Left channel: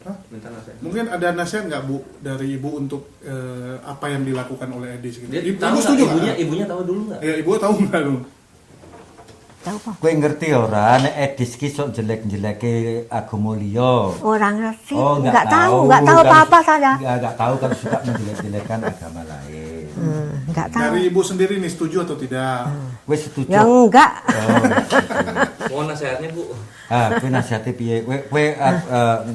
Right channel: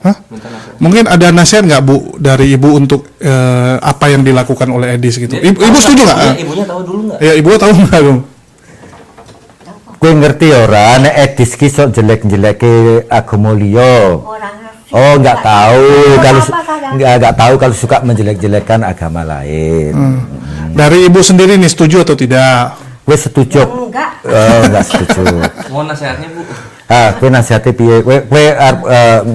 Hah? Mungkin ada nasihat nggak Bu dari Ibu untuk apa yang dilakukan oleh Edis gitu? Ibu setuju nggak? Ibunya tahu dulu nggak? Ya Ibu tahu nggak dong? Gue ngerti ora, nek Edis ki sok jelek-jeleke agama liya. Kurang ngerti. Oh, nggak tahu kalau apa-apa saya. nggak tahu kalau suka menjelek-jelekan agama lain. Dari Ibu sendiri nih setuju atau tidak? Gue setuju. Ya enggak. Oh, nggak setuju. Mau nasihatnya Bu? Kowe nasihate piye? Kowe arep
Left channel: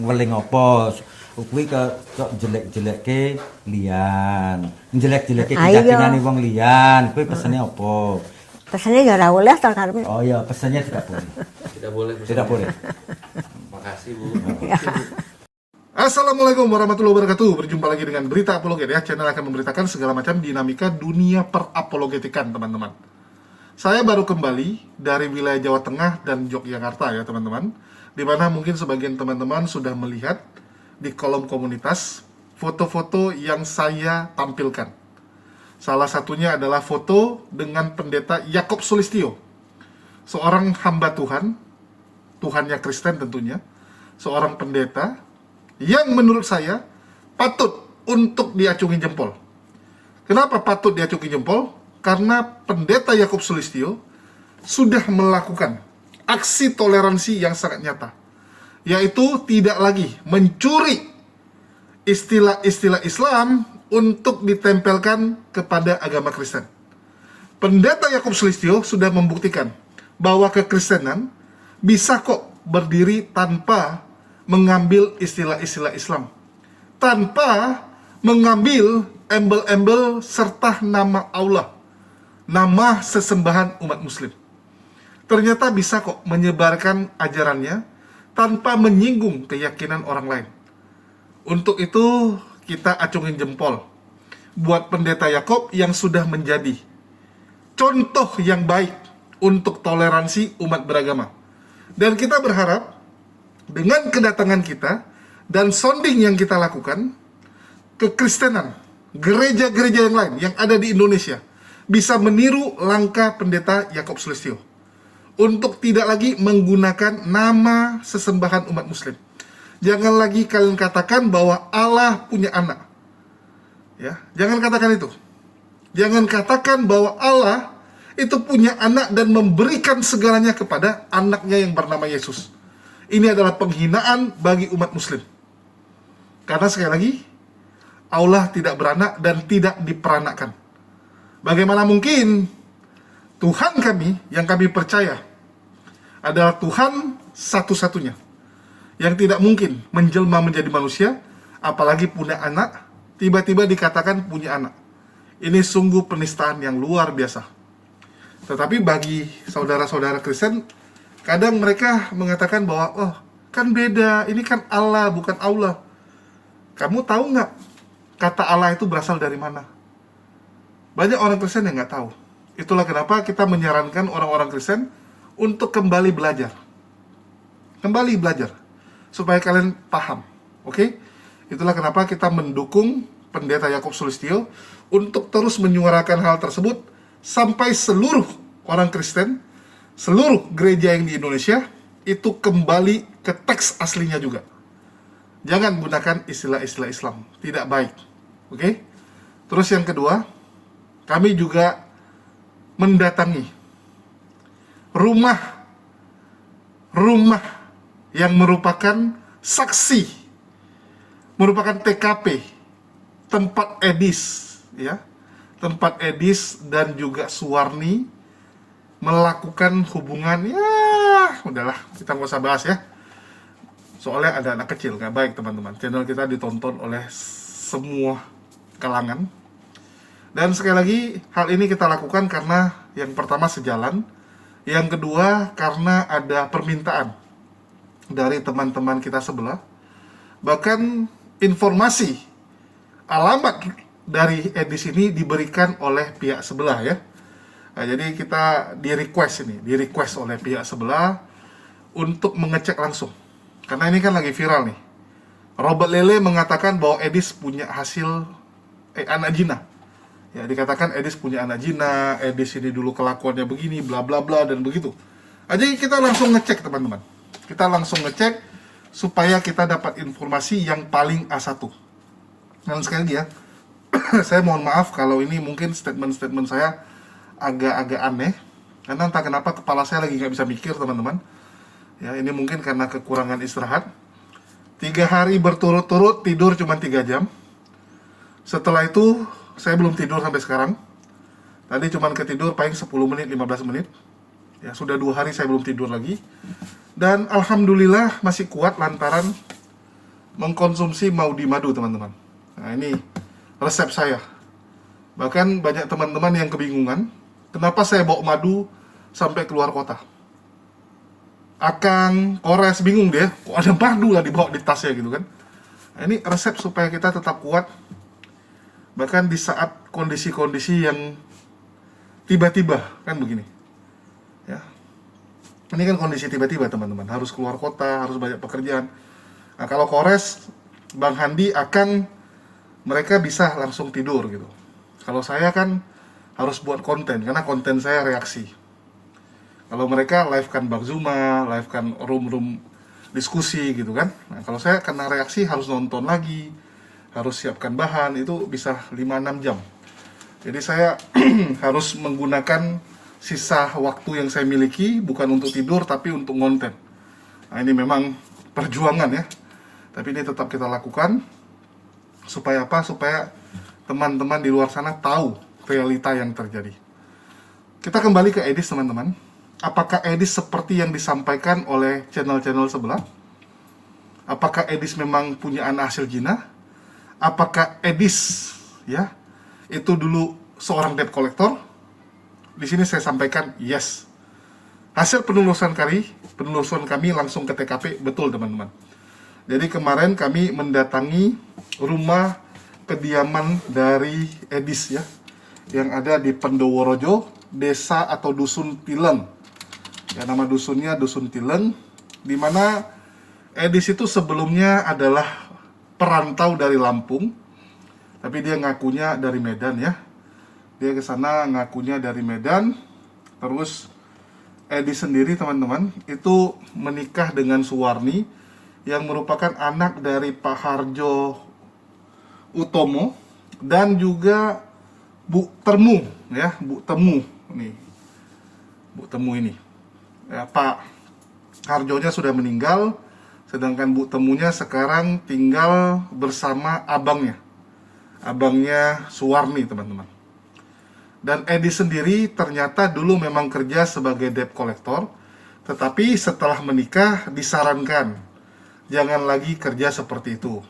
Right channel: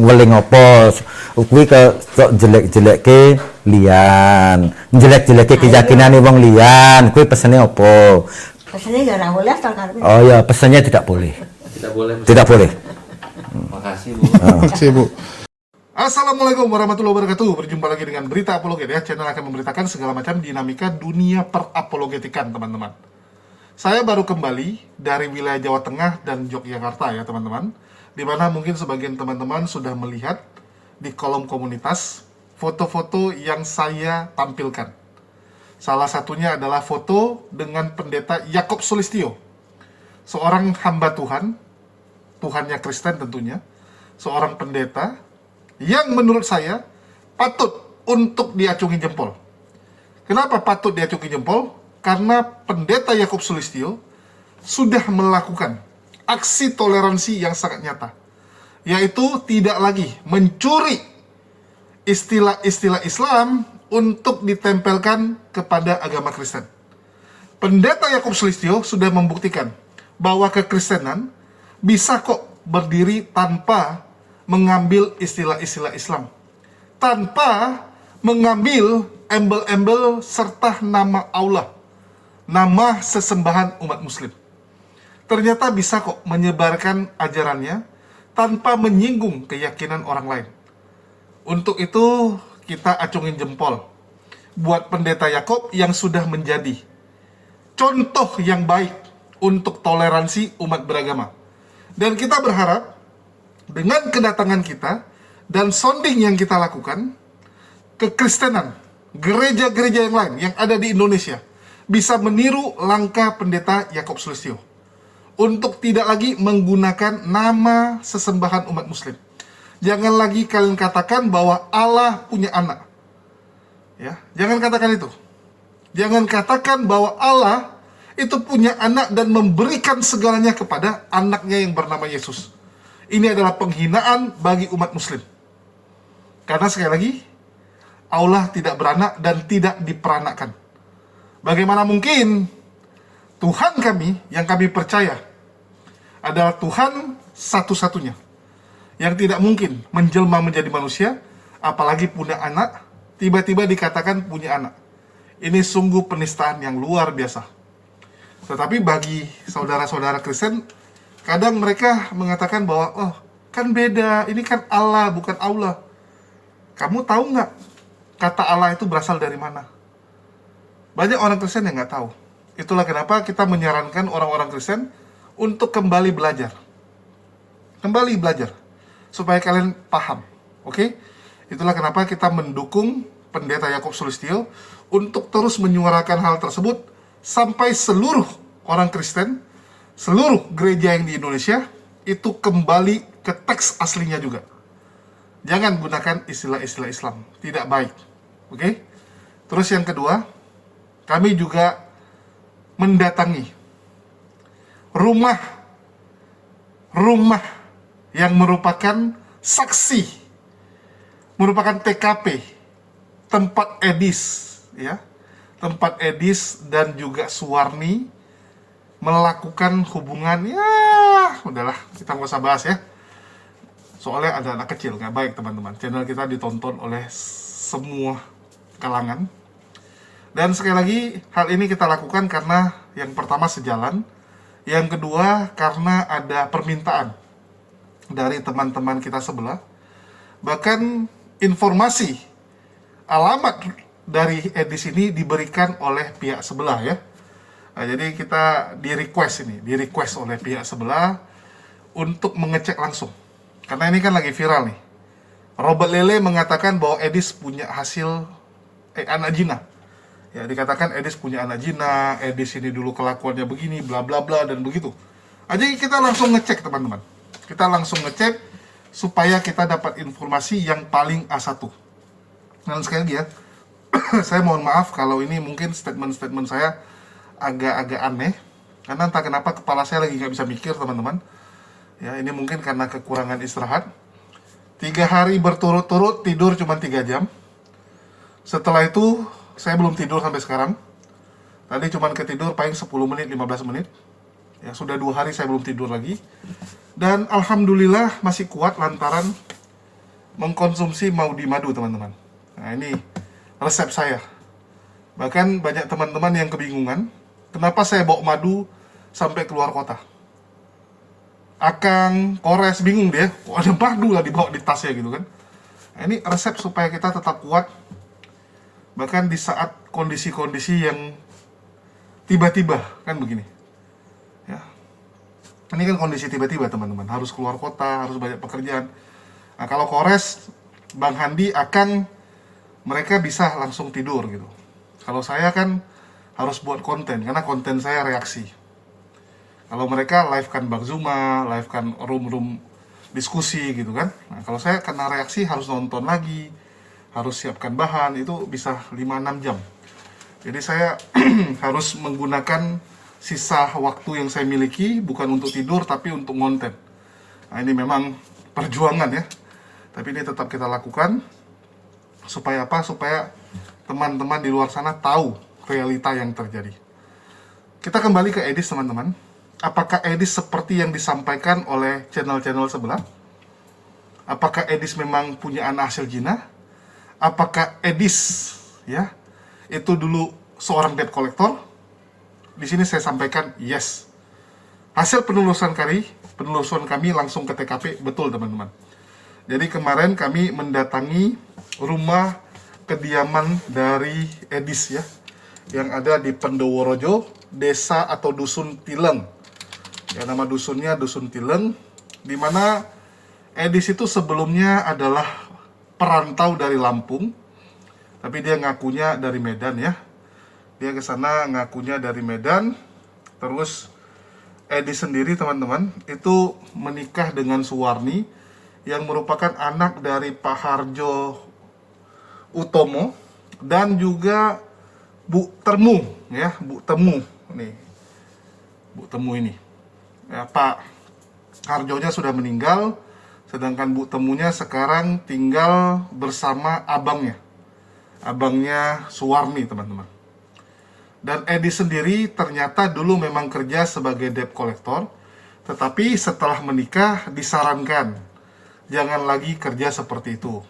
weling apa? Kuwi ke sok jelek-jelekke liyan. Jelek-jelekke keyakinane wong liyan. Kuwi pesene apa? Pesennya ya ora oleh to karep. Oh ya, pesannya tidak boleh. Tidak boleh. Tidak boleh. Makasih Bu. Si Bu. Assalamualaikum warahmatullahi wabarakatuh. Berjumpa lagi dengan Berita Apologet ya. Channel akan memberitakan segala macam dinamika dunia perapologetikan, teman-teman. Saya baru kembali dari wilayah Jawa Tengah dan Yogyakarta ya, teman-teman. Di mana mungkin sebagian teman-teman sudah melihat di kolom komunitas foto-foto yang saya tampilkan. Salah satunya adalah foto dengan pendeta Yakob Sulistyo, seorang hamba Tuhan, Tuhannya Kristen tentunya, seorang pendeta yang menurut saya patut untuk diacungi jempol. Kenapa patut diacungi jempol? Karena pendeta Yakob Sulistyo sudah melakukan aksi toleransi yang sangat nyata, yaitu tidak lagi mencuri istilah-istilah Islam untuk ditempelkan kepada agama Kristen. Pendeta Yakob Sulistyo sudah membuktikan bahwa kekristenan bisa kok berdiri tanpa mengambil istilah-istilah Islam, tanpa mengambil embel-embel serta nama Allah, nama sesembahan umat muslim. Ternyata bisa kok menyebarkan ajarannya tanpa menyinggung keyakinan orang lain. Untuk itu kita acungin jempol buat pendeta Yakob yang sudah menjadi contoh yang baik untuk toleransi umat beragama. Dan kita berharap dengan kedatangan kita dan sounding yang kita lakukan, kekristenan, gereja-gereja yang lain yang ada di Indonesia bisa meniru langkah pendeta Yakob Sulistyo untuk tidak lagi menggunakan nama sesembahan umat muslim. Jangan lagi kalian katakan bahwa Allah punya anak. Ya, jangan katakan itu. Jangan katakan bahwa Allah itu punya anak dan memberikan segalanya kepada anaknya yang bernama Yesus. Ini adalah penghinaan bagi umat muslim. Karena sekali lagi, Allah tidak beranak dan tidak diperanakkan. Bagaimana mungkin Tuhan kami yang kami percaya adalah Tuhan satu-satunya, yang tidak mungkin menjelma menjadi manusia, apalagi punya anak, tiba-tiba dikatakan punya anak. Ini sungguh penistaan yang luar biasa. Tetapi bagi saudara-saudara Kristen, kadang mereka mengatakan bahwa, oh kan beda, ini kan Allah bukan Allah. Kamu tahu nggak kata Allah itu berasal dari mana? Banyak orang Kristen yang nggak tahu. Itulah kenapa kita menyarankan orang-orang Kristen untuk kembali belajar. Kembali belajar. Supaya kalian paham, oke? Itulah kenapa kita mendukung pendeta Yakob Sulistyo untuk terus menyuarakan hal tersebut sampai seluruh orang Kristen, seluruh gereja yang di Indonesia itu kembali ke teks aslinya juga. Jangan gunakan istilah-istilah Islam, tidak baik, oke? Terus yang kedua, kami juga mendatangi rumah yang merupakan saksi, merupakan TKP, tempat Edis, ya, tempat Edis dan juga Suwarni melakukan hubungan, ya, udahlah, kita nggak usah bahas ya, soalnya ada anak kecil, nggak baik teman-teman. Channel kita ditonton oleh semua kalangan, dan sekali lagi hal ini kita lakukan karena yang pertama sejalan, yang kedua karena ada permintaan dari teman-teman kita sebelah. Bahkan informasi alamat dari Edis ini diberikan oleh pihak sebelah ya. Nah, jadi kita di request oleh pihak sebelah untuk mengecek langsung. Karena ini kan lagi viral nih. Robert Lele mengatakan bahwa Edis punya hasil anak jina. Ya, dikatakan Edis punya anak jina, Edis ini dulu kelakuannya begini, bla bla bla dan begitu. Jadi kita langsung ngecek teman-teman. Kita langsung ngecek supaya kita dapat informasi yang paling A1. Dan sekali lagi ya, saya mohon maaf kalau ini mungkin statement-statement saya agak-agak aneh, karena entah kenapa kepala saya lagi nggak bisa mikir, teman-teman. Ya, ini mungkin karena kekurangan istirahat. 3 hari berturut-turut tidur cuma 3 jam. Setelah itu saya belum tidur sampai sekarang. Tadi cuma ketidur paling 10 menit, 15 menit. Ya, sudah 2 hari saya belum tidur lagi. Dan alhamdulillah masih kuat lantaran mengkonsumsi maudi madu, teman-teman. Nah, ini resep saya. Bahkan banyak teman-teman yang kebingungan, kenapa saya bawa madu sampai keluar kota. Akang, Kores bingung dia, kok ada madu lah dibawa di tasnya gitu kan. Nah, ini resep supaya kita tetap kuat, bahkan di saat kondisi-kondisi yang tiba-tiba, kan begini. Ya. Ini kan kondisi tiba-tiba, teman-teman, harus keluar kota, harus banyak pekerjaan. Nah, kalau Kores, Bang Handi, Akang, mereka bisa langsung tidur gitu. Kalau saya kan harus buat konten, karena konten saya reaksi. Kalau mereka live kan Bang Zuma, live kan room diskusi gitu kan. Nah, kalau saya kena reaksi harus nonton lagi, harus siapkan bahan, itu bisa 5-6 jam. Jadi saya harus menggunakan sisa waktu yang saya miliki bukan untuk tidur tapi untuk konten. Nah, ini memang perjuangan ya. Tapi ini tetap kita lakukan. Supaya apa? Supaya teman-teman di luar sana tahu realita yang terjadi. Kita kembali ke Edis, teman-teman. Apakah Edis seperti yang disampaikan oleh channel-channel sebelah? Apakah Edis memang punya anak hasil zina? Apakah Edis ya itu dulu seorang debt collector? Di sini saya sampaikan yes. Hasil penelusuran kami langsung ke TKP, betul, teman-teman. Jadi kemarin kami mendatangi rumah kediaman dari Edis ya, yang ada di Pendoworojo, desa atau dusun Tileng. Ya, nama dusunnya Dusun Tileng, di mana Edis itu sebelumnya adalah perantau dari Lampung, tapi dia ngakunya dari Medan ya. Dia ke sana ngakunya dari Medan. Terus Edis sendiri, teman-teman, itu menikah dengan Suwarni yang merupakan anak dari Pak Harjo Utomo dan juga Bu Temu ya, Bu Temu nih. Bu Temu ini. Ya, Pak Harjonya sudah meninggal, sedangkan Bu Temunya sekarang tinggal bersama abangnya. Abangnya Suwarni, teman-teman. Dan Edi sendiri ternyata dulu memang kerja sebagai debt collector, tetapi setelah menikah disarankan jangan lagi kerja seperti itu,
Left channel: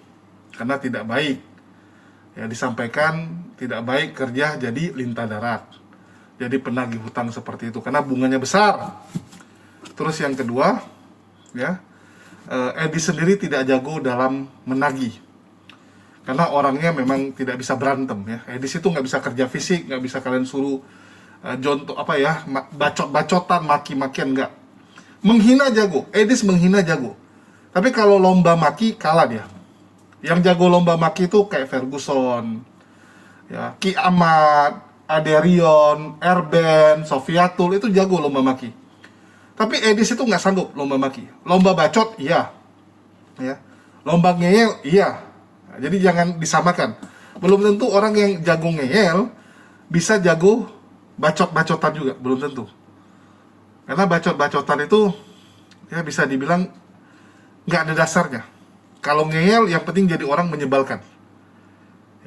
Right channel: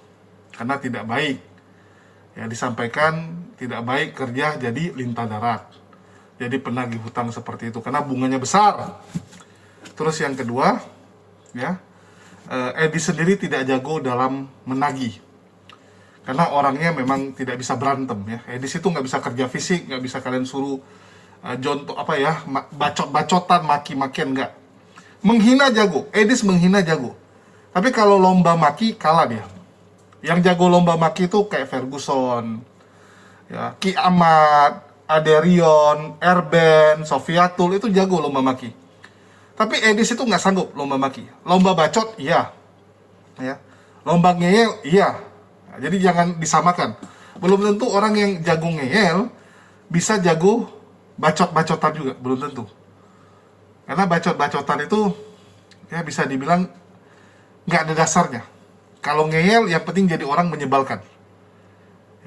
karena tidak baik. Ya, disampaikan tidak baik kerja jadi lintah darat, jadi penagih hutang seperti itu, karena bunganya besar. Terus yang kedua, ya, Edi sendiri tidak jago dalam menagih, karena orangnya memang tidak bisa berantem ya. Edi itu nggak bisa kerja fisik, nggak bisa kalian suruh jontok apa ya, bacot-bacotan, maki-makian, nggak. Menghina jago, Edis menghina jago. Tapi kalau lomba maki kalah dia. Yang jago lomba maki itu kayak Ferguson, ya, Ki Ahmad, Aderion, Erben, Sofiatul, itu jago lomba maki. Tapi Edis itu nggak sanggup lomba maki. Lomba bacot, iya. Ya. Lomba ngeyel, iya. Nah, jadi jangan disamakan. Belum tentu orang yang jago ngeyel bisa jago bacot-bacotan juga, belum tentu. Karena bacot-bacotan itu ya bisa dibilang nggak ada dasarnya. Kalau ngeyel yang penting jadi orang menyebalkan.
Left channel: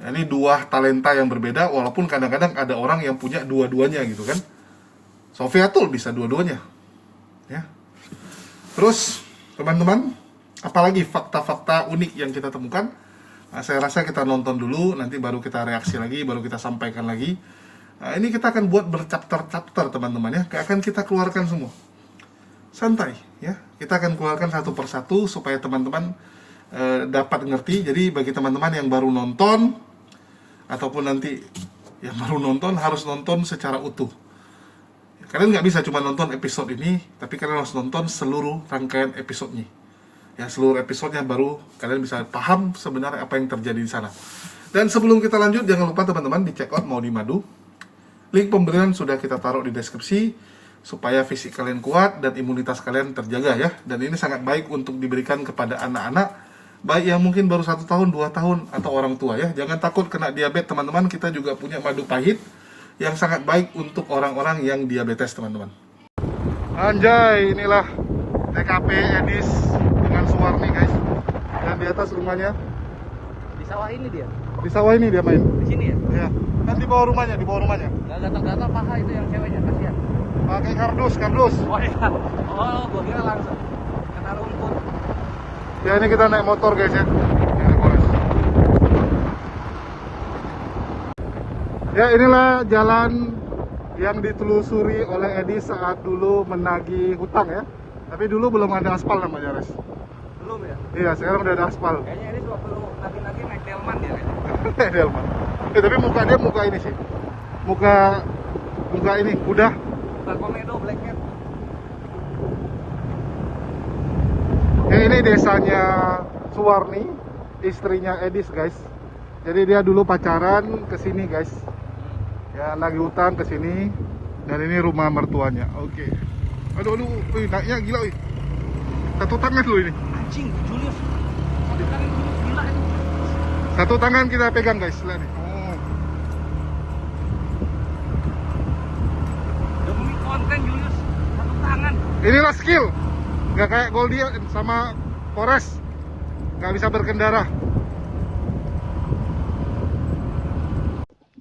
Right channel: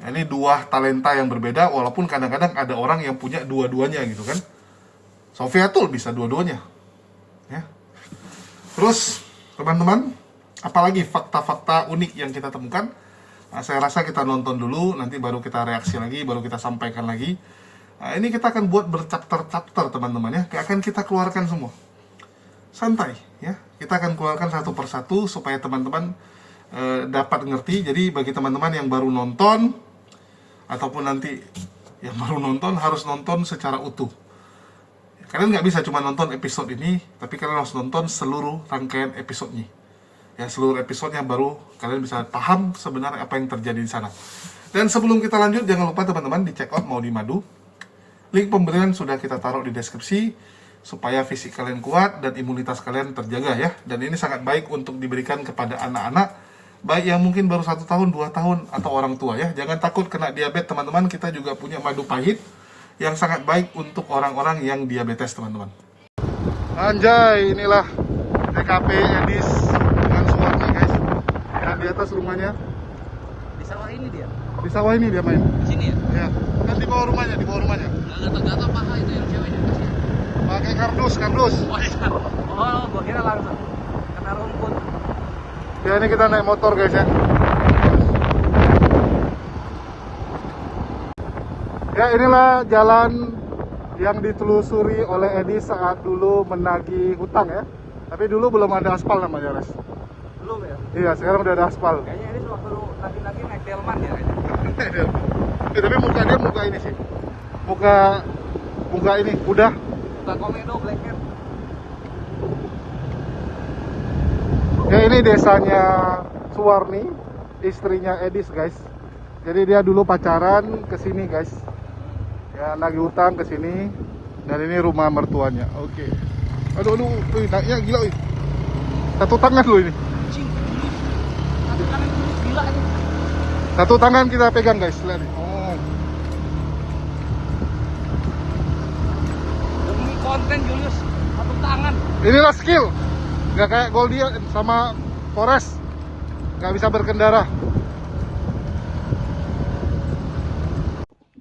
Ya, ini dua talenta yang berbeda, walaupun kadang-kadang ada orang yang punya dua-duanya gitu kan. Sofiatul bisa dua-duanya. Ya. Terus teman-teman, apalagi fakta-fakta unik yang kita temukan? Nah, saya rasa kita nonton dulu, nanti baru kita reaksi lagi, baru kita sampaikan lagi. Nah, ini kita akan buat berchapter-chapter, teman-teman ya. Akan kita keluarkan semua. Santai ya. Kita akan keluarkan satu persatu supaya teman-teman dapat ngerti. Jadi bagi teman-teman yang baru nonton ataupun nanti yang baru nonton harus nonton secara utuh. Kalian nggak bisa cuma nonton episode ini, tapi kalian harus nonton seluruh rangkaian episodenya. Ya, seluruh episodenya baru kalian bisa paham sebenarnya apa yang terjadi di sana. Dan sebelum kita lanjut, jangan lupa teman-teman di check out Maudi Madu. Link pembelian sudah kita taruh di deskripsi. supaya fisik kalian kuat dan imunitas kalian terjaga ya. Dan ini sangat baik untuk diberikan kepada anak-anak, baik yang mungkin baru 1 tahun, 2 tahun, atau orang tua ya. Jangan takut kena diabetes teman-teman, kita juga punya madu pahit yang sangat baik untuk orang-orang yang diabetes teman-teman. Anjay, inilah TKP Edis dengan Suwarni guys. Dan di atas rumahnya. Di sawah ini dia. Di sawah ini dia main. Sini ya. Ya, kan di bawah rumahnya, di bawah rumahnya. Gata-gata paha itu yang cewek. Pakai kardus, kardus. Oh, gua kira langsung kena rumput. Ya ini kita naik motor guys ya. Ya inilah jalan yang ditelusuri oleh Edi saat dulu menagih hutang ya. Tapi dulu belum ada aspal namanya Res. Belum ya? Iya sekarang udah ada aspal. Kayaknya ini perlu nanti naik delman ya. Delman. Tapi muka dia muka ini sih. Muka ini udah. Bukan komedo black hat. Ya ini desanya Suwarni, istrinya Edis guys. Jadi dia dulu pacaran ke sini guys. Ya nagih hutang ke sini. Dan ini rumah mertuanya. Oke. Aduh, wih, naiknya gila wih. Satu tangan loh ini. Anjing, satu tangan gila ini. Satu tangan kita pegang guys, lihat nih. Oh. Demi konten dulu satu tangan. Inilah skill. Nggak kayak Goldia sama Forest. Nggak bisa berkendara.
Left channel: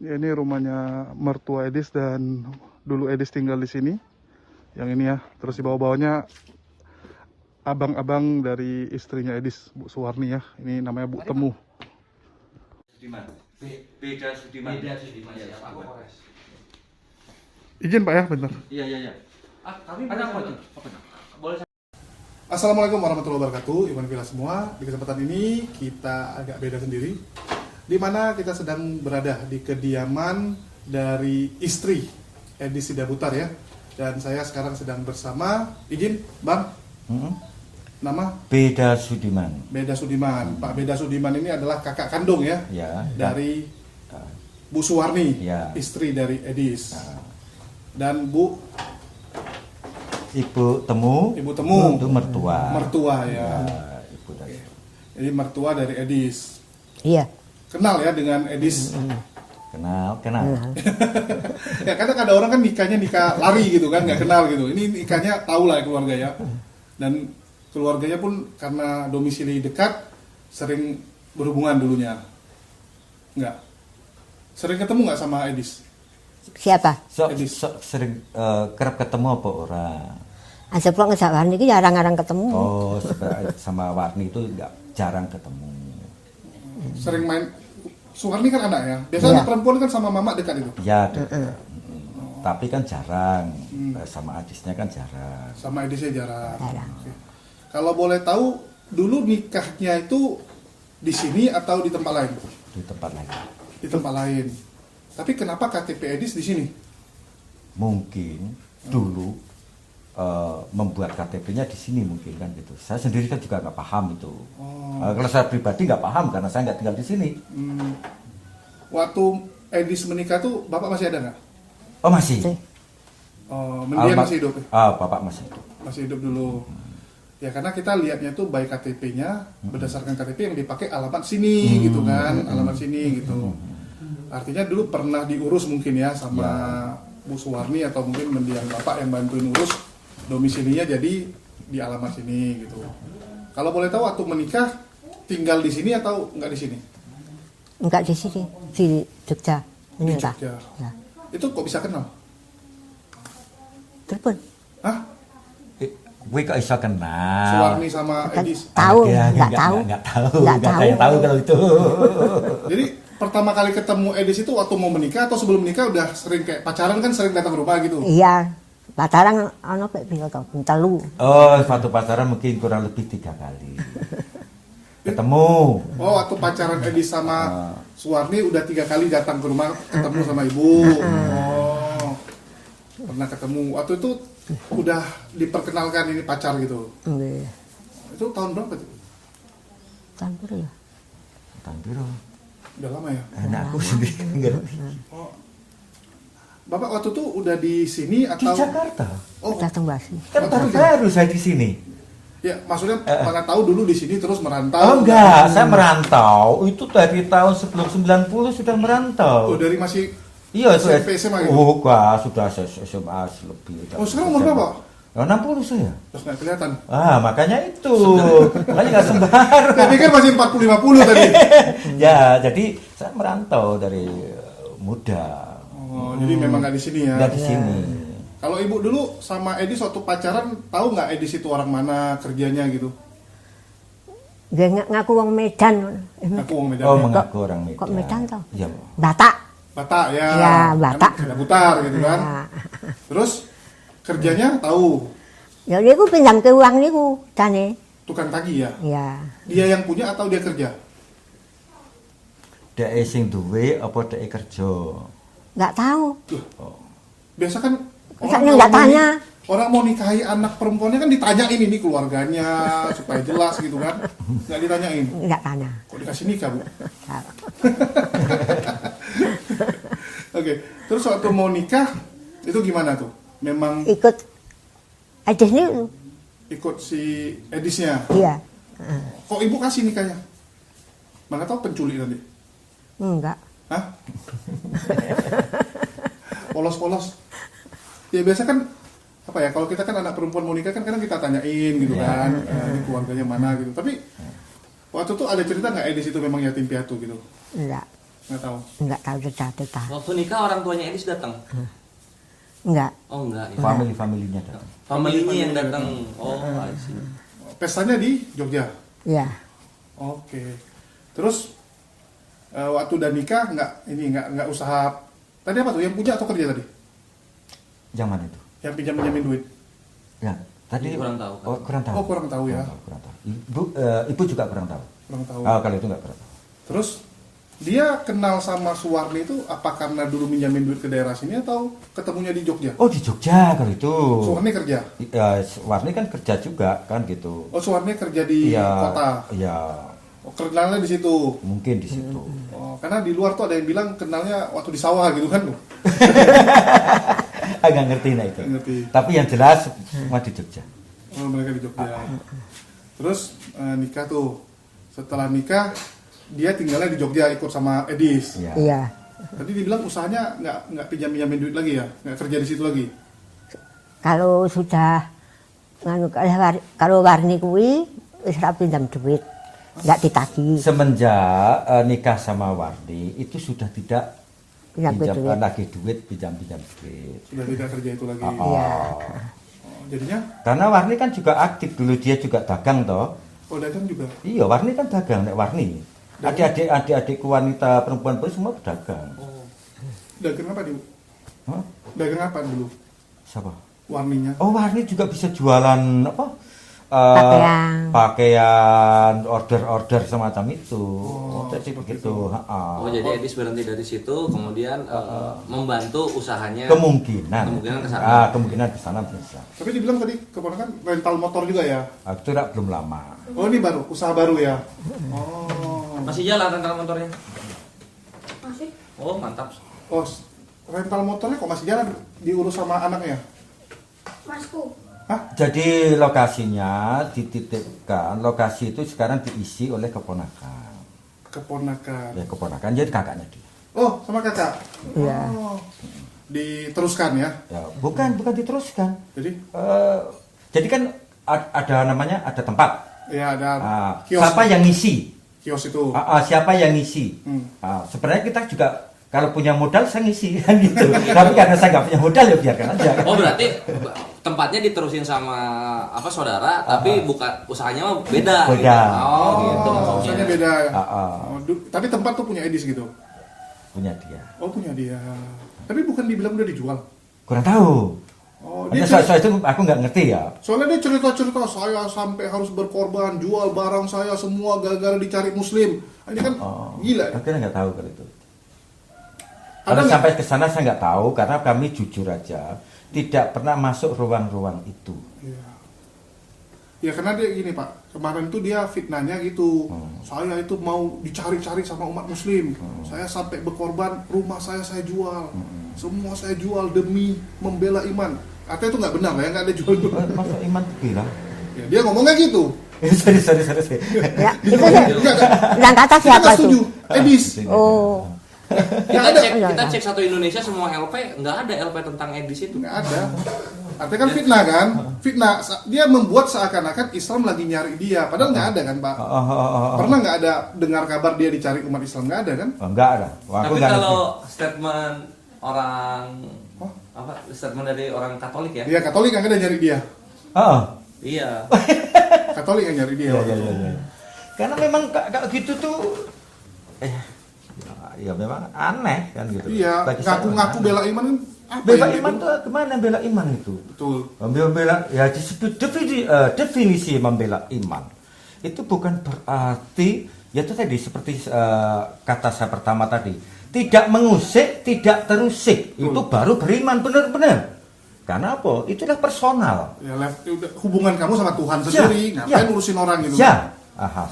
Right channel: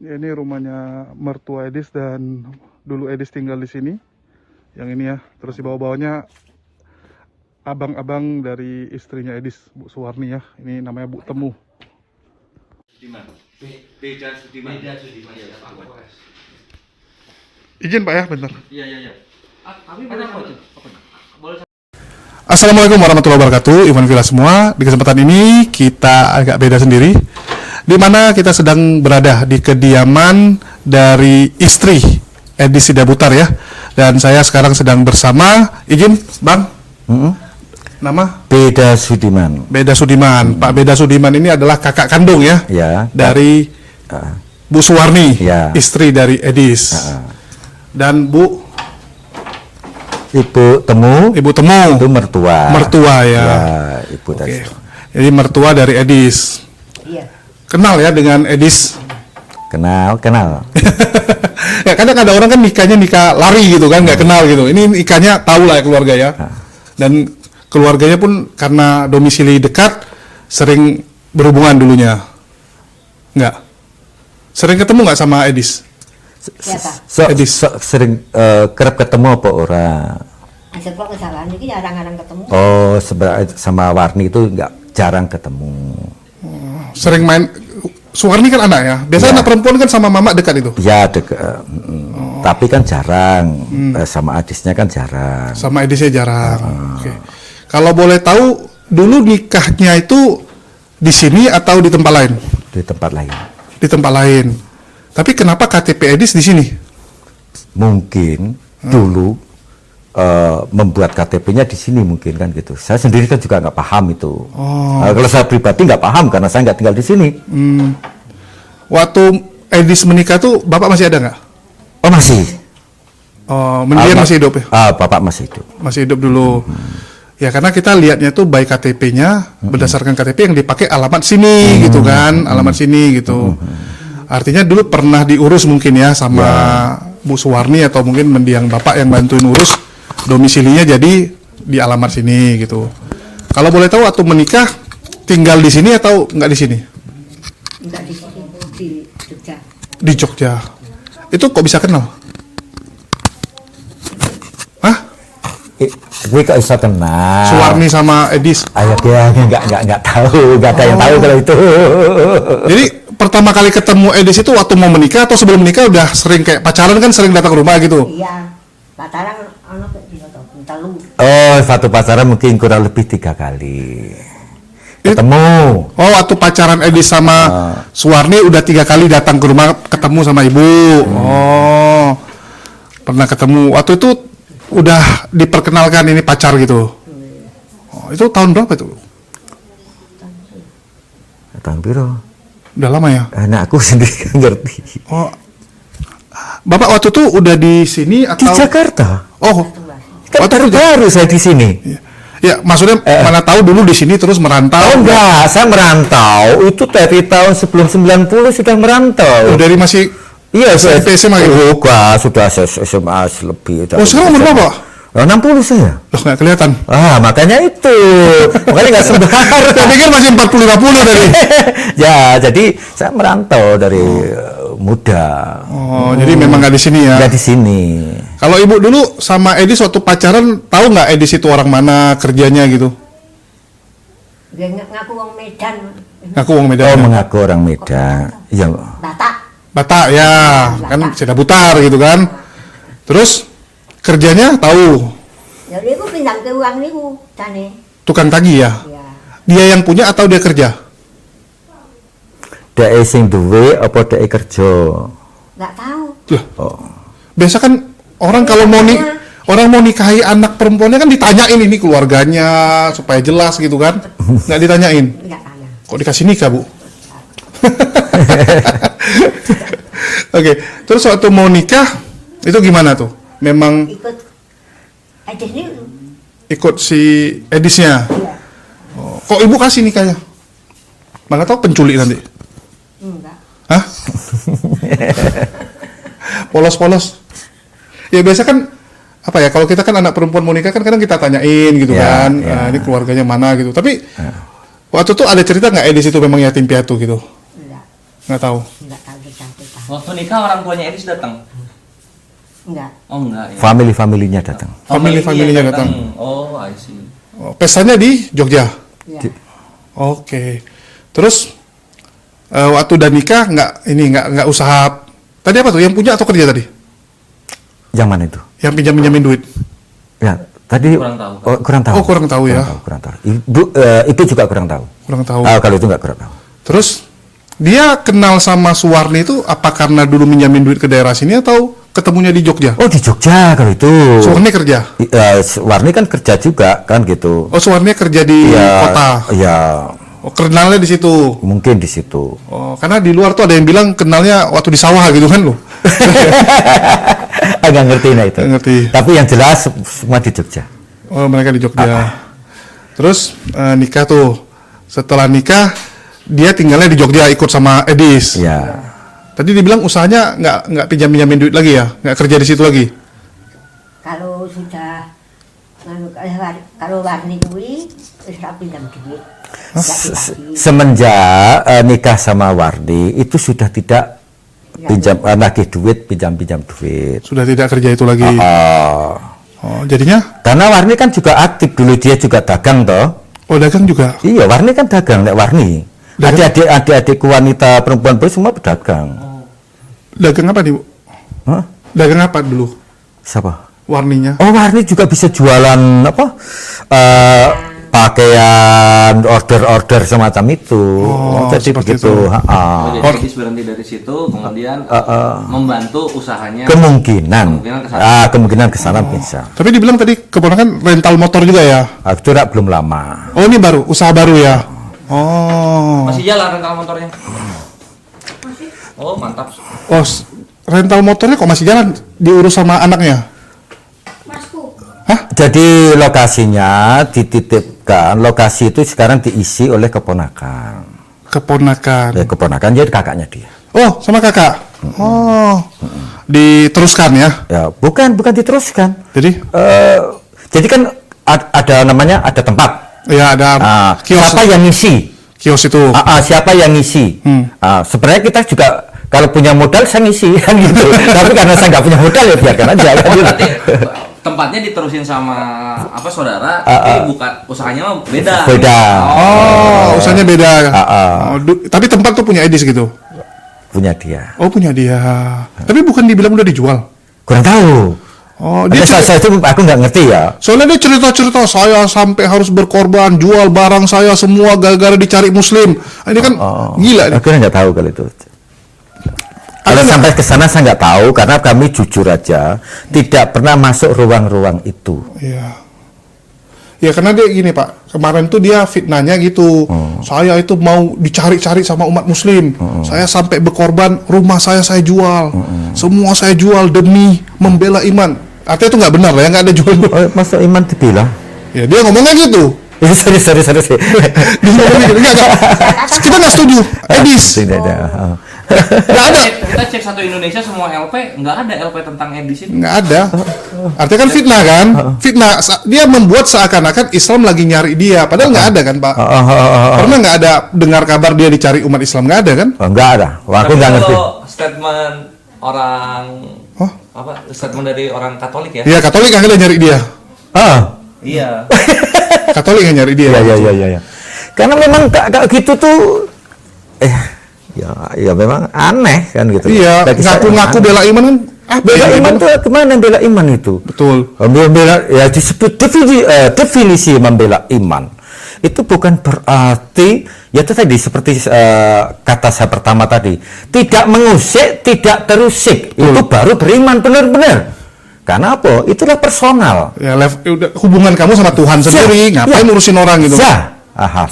Ya, ini rumahnya mertua Edis dan dulu Edis tinggal di sini. Yang ini ya. Terus di bawah-bawahnya abang-abang dari istrinya Edis, Bu Suwarni ya. Ini namanya Bu Temu. Sudiman. Beda Sudiman. Beda Sudiman ya, Pak Polres. Izin Pak ya, bentar. Iya. Tapi ada apa tuh? Boleh. Assalamualaikum warahmatullahi wabarakatuh, Iwan Villa semua. Di kesempatan ini kita agak beda sendiri, di mana kita sedang berada di kediaman dari istri Edi Sidabutar ya. Dan saya sekarang sedang bersama, izin Bang, nama? Beda Sudiman. Beda Sudiman. Pak Beda Sudiman ini adalah kakak kandung ya, Ya. dari Bu Suwarni, Ya. istri dari Edis. Dan Ibu Temu. Ibu Temu, Itu mertua. mertua ya. Ya, Ibu Oke. tadi. Jadi mertua dari Edis. Iya. Kenal ya dengan Edis. Kenal. Ya kadang ada orang kan nikahnya nikah lari gitu kan, nggak kenal gitu. Ini nikahnya tahu lah ya keluarga ya. Dan keluarganya pun karena domisili dekat, sering berhubungan dulunya. Nggak? Sering ketemu nggak sama Edis? Siapa? Edis. Sering kerap ketemu apa orang? Asal pulang ke Sawan ini jarang-jarang ketemu. Oh, sama Warni itu nggak jarang ketemu. Sering main. Suwarni kan anak ya. Biasanya Ya. anak perempuan kan sama mama dekat itu. Ya dekat. Tapi kan jarang. Sama adisnya kan jarang. Sama Edisnya jarang. Oke. Kalau boleh tahu, dulu nikahnya itu di sini atau di tempat lain? Di tempat lain. Di tempat lain. Tapi kenapa KTP Edis di sini? Mungkin dulu membuat KTP-nya di sini mungkin kan gitu. Saya sendiri kan juga nggak paham itu. Kalau saya pribadi nggak paham karena saya nggak tinggal di sini. Waktu Edis menikah tuh Bapak masih ada nggak? Oh masih. Oh, dia masih hidup ya? Bapak masih hidup. Masih hidup dulu. Ya karena kita lihatnya tuh by KTP-nya berdasarkan KTP yang dipakai alamat sini gitu kan, alamat sini gitu. Artinya dulu pernah diurus mungkin ya sama Bu Suwarni atau mungkin mendiang Bapak yang bantuin urus domisilinya jadi di alamat sini gitu. Kalau boleh tahu waktu menikah tinggal di sini atau nggak di sini? Enggak di sini, di Jogja. Di Jogja. Itu kok bisa kenal? Hah? Gue kok bisa kenal. Suwarni sama Edis. Dia nggak tahu, nggak ada yang tahu kalau itu. Jadi pertama kali ketemu Edis itu waktu mau menikah atau sebelum menikah udah sering kayak pacaran kan sering datang ke rumah gitu? Iya. Pacaran anak kayak tinggal kau Bentalu. Oh, satu pacaran mungkin kurang lebih 3 kali. Ketemu. Oh, waktu pacaran Edis sama Suwarni udah 3 kali datang ke rumah ketemu sama ibu. Oh, pernah ketemu. Waktu itu udah diperkenalkan ini pacar gitu. Oh, itu tahun berapa itu? Tahun biru. Udah lama ya? Anak aku sendiri nggak ngerti. Oh, Bapak waktu itu udah di sini Di atau? Jakarta. Oh, Datang Basi. Kan Waktu itu baru saya di sini. ya maksudnya mana tahu dulu di sini terus merantau. Oh enggak, saya merantau itu dari tahun sebelum 90 sudah merantau. Oh, dari masih Iya, SMP, SMA gitu? Enggak, sudah SMA lebih. Oh, sekarang umur berapa? 60 saya. Loh, nggak kelihatan. Makanya itu. Makanya nggak sembarang. Saya pikir masih 40-50 tadi. Ya, jadi saya merantau dari muda. Oh, jadi memang nggak di sini ya? Nggak di sini. Kalau ibu dulu sama Edis waktu pacaran, tahu nggak Edis itu orang mana, kerjanya gitu? Dia ngaku wong Medan. Ngaku wong Medan. Oh, mengaku orang Medan. Iya. Batak. Batak ya, Ya, kan Batak. sudah butar gitu kan. Terus kerjanya tahu, Ya niku pinjam ke uang niku jane. tukang tagih ya. Ya. Dia yang punya atau dia kerja? Dek sing duwe apa dek kerja? Enggak tahu. Loh, Oh. biasa kan orang Ini kalau mau bapaknya. orang mau nikahi anak perempuannya kan ditanyain ini keluarganya supaya jelas gitu kan. Nggak ditanyain. Enggak tanya. Kok dikasih nikah, Bu? Oke, terus waktu mau nikah itu gimana tuh? Memang Ikut Edis ini ikut si Edisnya. iya. Kok ibu kasih nikahnya? Mana tahu penculik nanti. Enggak. Hah? Polos-polos. Ya biasa kan apa ya, kalau kita kan anak perempuan mau nikah kan kadang kita tanyain gitu Ya, kan, ya. "Ah, ini keluarganya mana gitu. Tapi waktu itu ada cerita nggak Edis itu memang yatim piatu gitu? Enggak. Nggak tahu. Enggak tahu cerita. Waktu nikah orang tuanya Edis datang. Enggak. Oh enggak ya. Family-familinya datang. Family-familinya yang datang. Oh, I see. Oh, pestanya di Jogja. Ya. Oke. Terus waktu udah nikah nggak usaha. Tadi apa tuh? Yang punya atau kerja tadi? Yang mana itu? Yang pinjam-pinjamin duit. Ya, tadi Kurang tahu. Oh, kurang tahu. Oh, kurang tahu ya. Kurang tahu. Ibu juga kurang tahu. Kurang tahu. Kalau itu nggak kurang tahu. Terus dia kenal sama Suwarni itu apa karena dulu minjamin duit ke daerah sini atau ketemunya di Jogja? Oh, di Jogja kalau itu. Suwarni kerja. Warni kan kerja juga kan gitu. Oh, Suwarni kerja di kota. Iya, Oh, kenalnya di situ. mungkin di situ. Oh, karena di luar tuh ada yang bilang kenalnya waktu di sawah gitu kan lo. Agak ngerti nah itu. Ngerti. Tapi yang jelas semua di Jogja. Oh, mereka di Jogja. Terus nikah tuh. Setelah nikah dia tinggalnya di Jogja ikut sama Edis. Ya. Iya. Tadi dibilang usahanya nggak pinjam-pinjamin duit lagi ya, nggak kerja di situ lagi. Kalau sudah kalau warni kuwi wis ra pinjam duit. Enggak ditagih. Semenjak nikah sama Wardi itu sudah tidak Ya, pinjam lagi duit, pinjam duit. Sudah tidak kerja itu lagi. Oh, jadinya? Karena Warni kan juga aktif dulu, dia juga dagang toh. Oh, dagang juga. Iya, Warni kan dagang, Nek Warni. Adik-adikku wanita perempuan pun semua berdagang. Dagang apa nih, Bu? Hah? Dagang apa dulu? Siapa? Warninya. Oh, Warni juga bisa jualan apa? Pakaian, order-order semacam itu. Oh, Jadi seperti begitu. itu. Ha-ha. Jadi Edis berhenti dari situ, kemudian membantu usahanya. Kemungkinan. Kemungkinan ke sana bisa. Tapi dibilang tadi keponakan rental motor juga ya? Itu belum lama. Oh, ini baru, usaha baru ya? Oh. Masih jalan rental motornya. Oh, mantap. Oh, rental motornya kok masih jalan? Diurus sama anaknya? Jadi lokasinya dititipkan, lokasi itu sekarang diisi oleh keponakan. Keponakan. Ya, keponakan jadi kakaknya dia. Oh, sama kakak? Oh. Diteruskan ya? Ya, bukan diteruskan. Jadi? Jadi kan ada namanya, ada tempat. Ya, ada kios. Siapa yang ngisi? Kios itu. Siapa yang ngisi? Sebenarnya kita juga kalau punya modal saya ngisi kan gitu. Tapi karena saya nggak punya modal ya biarkan aja kan gitu. Berarti tempatnya diterusin sama apa saudara, tapi buka usahanya mah beda. Beda. Oh, usahanya beda. Tapi tempat tuh punya Edis gitu? Punya dia. Oh, punya dia. Tapi bukan dibilang udah dijual? Kurang tahu. Oh, dia saya itu aku nggak ngerti ya. soalnya dia cerita-cerita saya sampai harus berkorban, jual barang saya semua gara-gara dicari muslim. Ini kan gila nih. Aku nggak tahu kalau itu. Kalau sampai ke sana saya nggak tahu karena kami jujur aja tidak pernah masuk ruang-ruang itu. Iya. Ya karena dia gini Pak, kemarin tuh dia fitnahnya gitu, saya itu mau dicari-cari sama umat muslim, saya sampai berkorban, rumah saya jual, semua saya jual demi membela iman. Artinya itu nggak benar lah ya, nggak ada jual. Oh, masa iman dibilang? Ya dia ngomongnya gitu. Sorry. Enggak. Kita nggak setuju. Edis. Tidak ada. Nggak ada. Kita cek satu Indonesia semua LP, nggak ada LP tentang Edis itu. Nggak ada. Artinya kan fitnah kan? Fitnah. Dia membuat seakan-akan Islam lagi nyari dia. Padahal nggak ada kan Pak? Pernah nggak ada dengar kabar dia dicari umat Islam? Nggak ada kan? Enggak ada. Wah, aku Tapi nggak ngerti. kalau statement orang statement dari orang Katolik ya? Iya Katolik akhirnya nyari dia. Iya. Katolik yang nyari dia. Iya. Karena memang kayak gitu tuh ya memang aneh kan gitu. Iya, Bagi saya ngaku-ngaku aneh. bela iman kan? Apa Bela ya? iman tuh kemana bela iman itu? Betul. Bela ya disebut definisi membela iman itu bukan berarti ya itu tadi seperti kata saya pertama tadi, tidak mengusik, tidak terusik. Itu baru beriman benar-benar. Karena apa? Itulah personal. Ya, udah hubungan kamu sama Tuhan sendiri, ngapain ngurusin orang gitu?